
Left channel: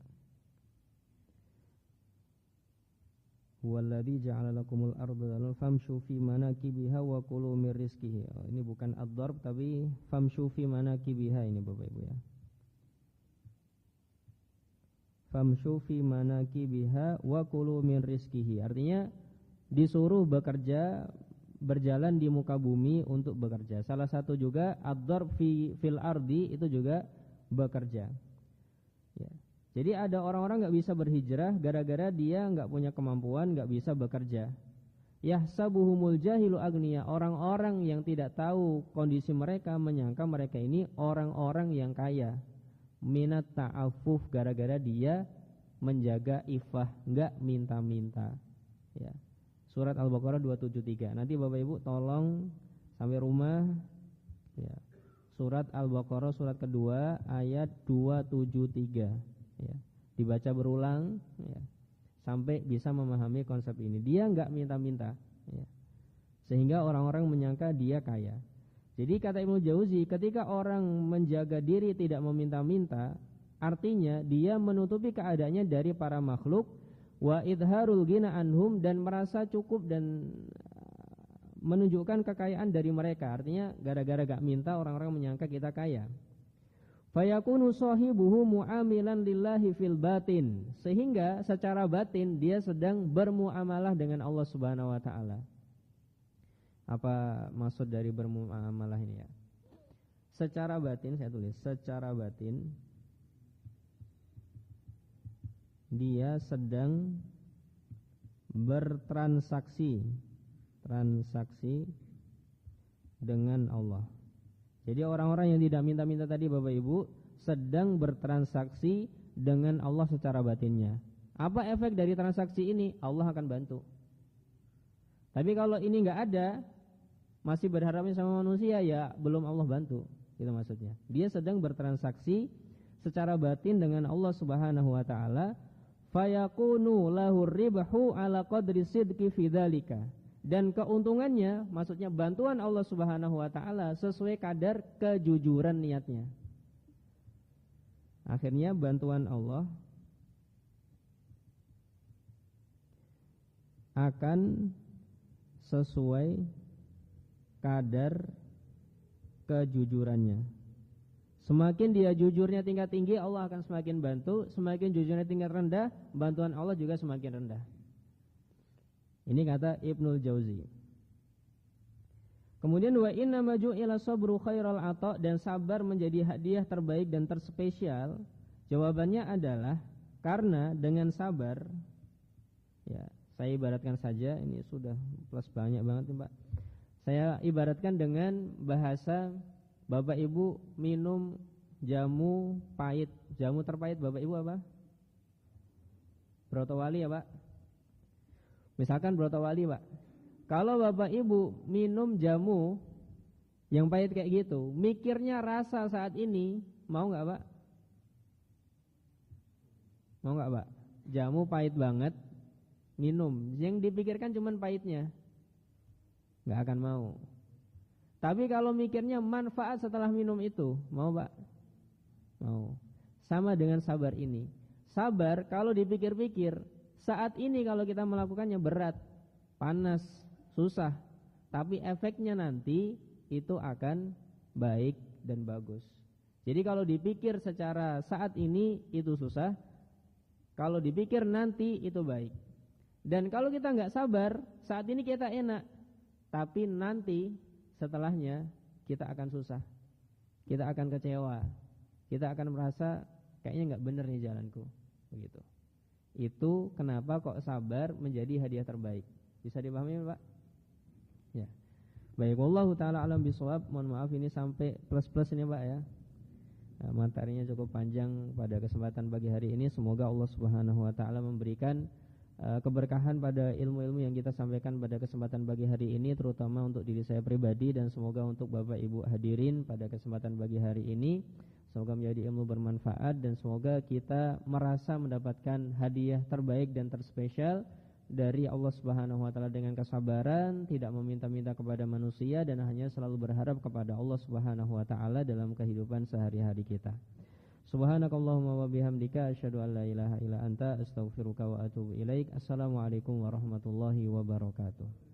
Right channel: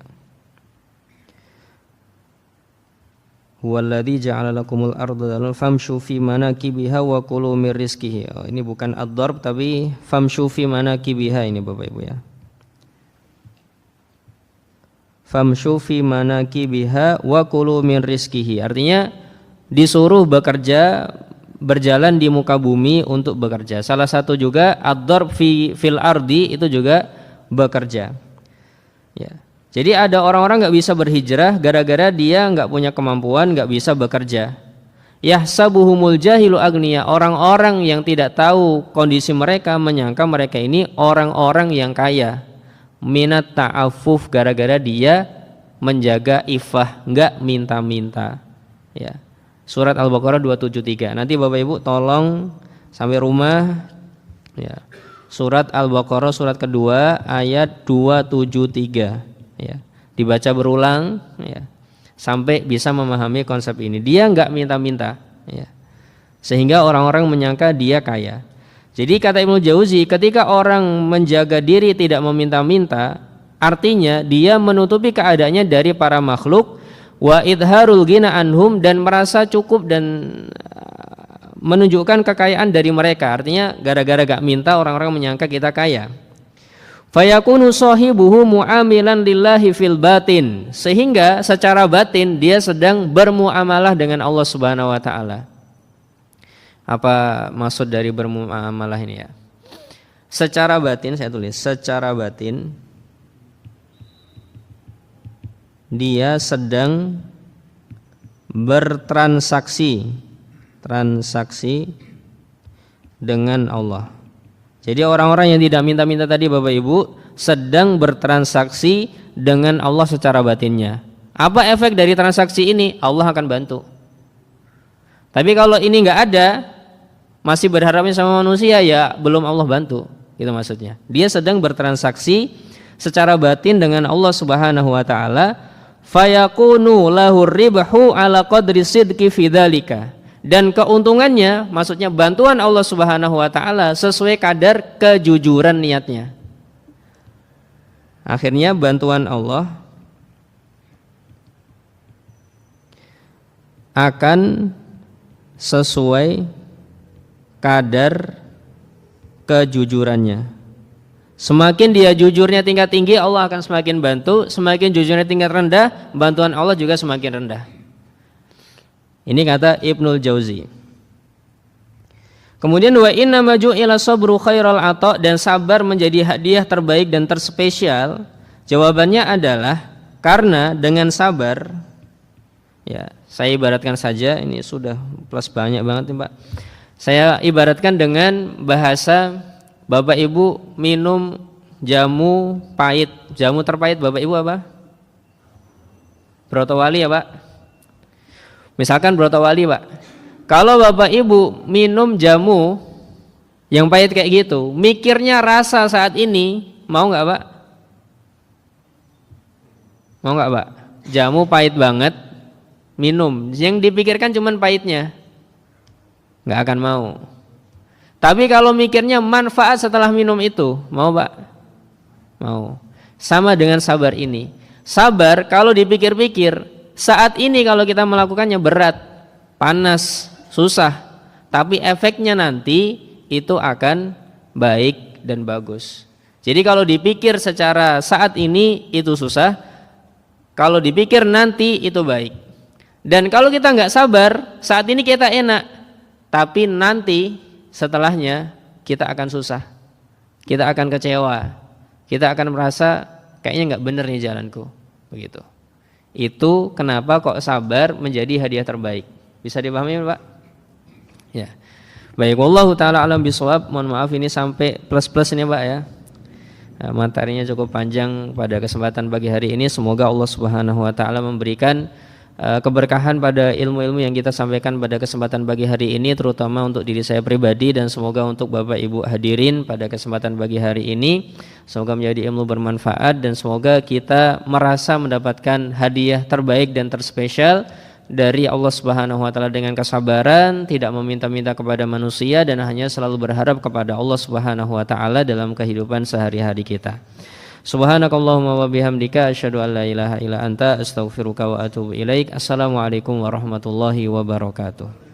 Huwallazi ja'ala lakumul arda dalulan famshu fi manakibiha wa kulu mir rizqihi. Oh, ini bukan ad-darb tapi famshu fi manakibiha ini Bapak Ibu ya. Famshu fi manakibiha wa kulu mir rizqihi. Artinya disuruh bekerja, berjalan di muka bumi untuk bekerja. Salah satu juga ad-darb fil ardi, itu juga bekerja. Ya. Jadi ada orang-orang nggak bisa berhijrah gara-gara dia nggak punya kemampuan, nggak bisa bekerja. Yahsabuhumul jahilu agniya, orang-orang yang tidak tahu kondisi mereka menyangka mereka ini orang-orang yang kaya. Minat ta'affuf, gara-gara dia menjaga ifah, nggak minta-minta. Ya. Surat Al-Baqarah 273. Nanti Bapak Ibu tolong sampai rumah, ya. Surat Al-Baqarah surat kedua ayat 273. Ya, dibaca berulang, ya, sampai bisa memahami konsep ini. Dia enggak minta-minta, ya, sehingga orang-orang menyangka dia kaya. Jadi kata Ibnu Jauzi, ketika orang menjaga diri tidak meminta-minta, artinya dia menutupi keadaannya dari para makhluk, wa idharul ghina anhum, dan merasa cukup dan menunjukkan kekayaan dari mereka. Artinya gara-gara gak minta, orang-orang menyangka kita kaya. Fayakunu sahibuhu mu'amilan lillahi fil batin, sehingga secara batin dia sedang bermuamalah dengan Allah Subhanahu wa taala. Apa maksud dari bermuamalah ini ya? Secara batin saya tulis, secara batin dia sedang bertransaksi dengan Allah. Jadi orang-orang yang tidak minta-minta tadi Bapak Ibu sedang bertransaksi dengan Allah secara batinnya. Apa efek dari transaksi ini? Allah akan bantu. Tapi kalau ini nggak ada, masih berharapnya sama manusia, ya belum Allah bantu. Gitu maksudnya. Dia sedang bertransaksi secara batin dengan Allah Subhanahu wa taala, fayakunu lahur ribhu ala qadri sidqi fidzalika. Dan keuntungannya, maksudnya bantuan Allah Subhanahu wa taala sesuai kadar kejujuran niatnya. Akhirnya bantuan Allah akan sesuai kadar kejujurannya. Semakin dia jujurnya tingkat tinggi, Allah akan semakin bantu. Semakin jujurnya tingkat rendah, bantuan Allah juga semakin rendah. Ini kata Ibnul Jauzi. Kemudian wa inna maju ila sabru khairal ata, dan sabar menjadi hadiah terbaik dan terspesial. Jawabannya adalah karena dengan sabar, ya saya ibaratkan saja, ini sudah plus banyak banget nih Pak. Saya ibaratkan dengan bahasa Bapak Ibu minum jamu pahit. Jamu terpahit Bapak Ibu apa? Brotowali ya Pak. Misalkan Brotowali Pak. Kalau Bapak Ibu minum jamu yang pahit kayak gitu, mikirnya rasa saat ini, mau nggak Pak? Mau nggak Pak? Jamu pahit banget, minum. Yang dipikirkan cuma pahitnya, nggak akan mau. Tapi kalau mikirnya manfaat setelah minum itu, mau Pak? Mau. Sama dengan sabar ini. Sabar kalau dipikir-pikir, saat ini kalau kita melakukannya berat, panas, susah, tapi efeknya nanti itu akan baik dan bagus. Jadi kalau dipikir secara saat ini itu susah, kalau dipikir nanti itu baik. Dan kalau kita nggak sabar, saat ini kita enak, tapi nanti setelahnya kita akan susah, kita akan kecewa, kita akan merasa kayaknya nggak bener nih jalanku, begitu. Itu kenapa kok sabar menjadi hadiah terbaik. Bisa dipahami Pak? Ya. Baik, wallahu taala alam bisawab. Mohon maaf ini sampai plus-plus ini Pak ya. Materinya cukup panjang pada kesempatan pagi hari ini. Semoga Allah Subhanahu wa taala memberikan keberkahan pada ilmu-ilmu yang kita sampaikan pada kesempatan pagi hari ini, terutama untuk diri saya pribadi, dan semoga untuk Bapak Ibu hadirin pada kesempatan pagi hari ini semoga menjadi ilmu bermanfaat, dan semoga kita merasa mendapatkan hadiah terbaik dan terspesial dari Allah Subhanahu wa taala dengan kesabaran, tidak meminta-minta kepada manusia, dan hanya selalu berharap kepada Allah Subhanahu wa taala dalam kehidupan sehari-hari kita. Subhanakallahumma wa bihamdika asyhadu an la ilaha illa anta astaghfiruka wa atubu ilaik. Assalamualaikum warahmatullahi wabarakatuh.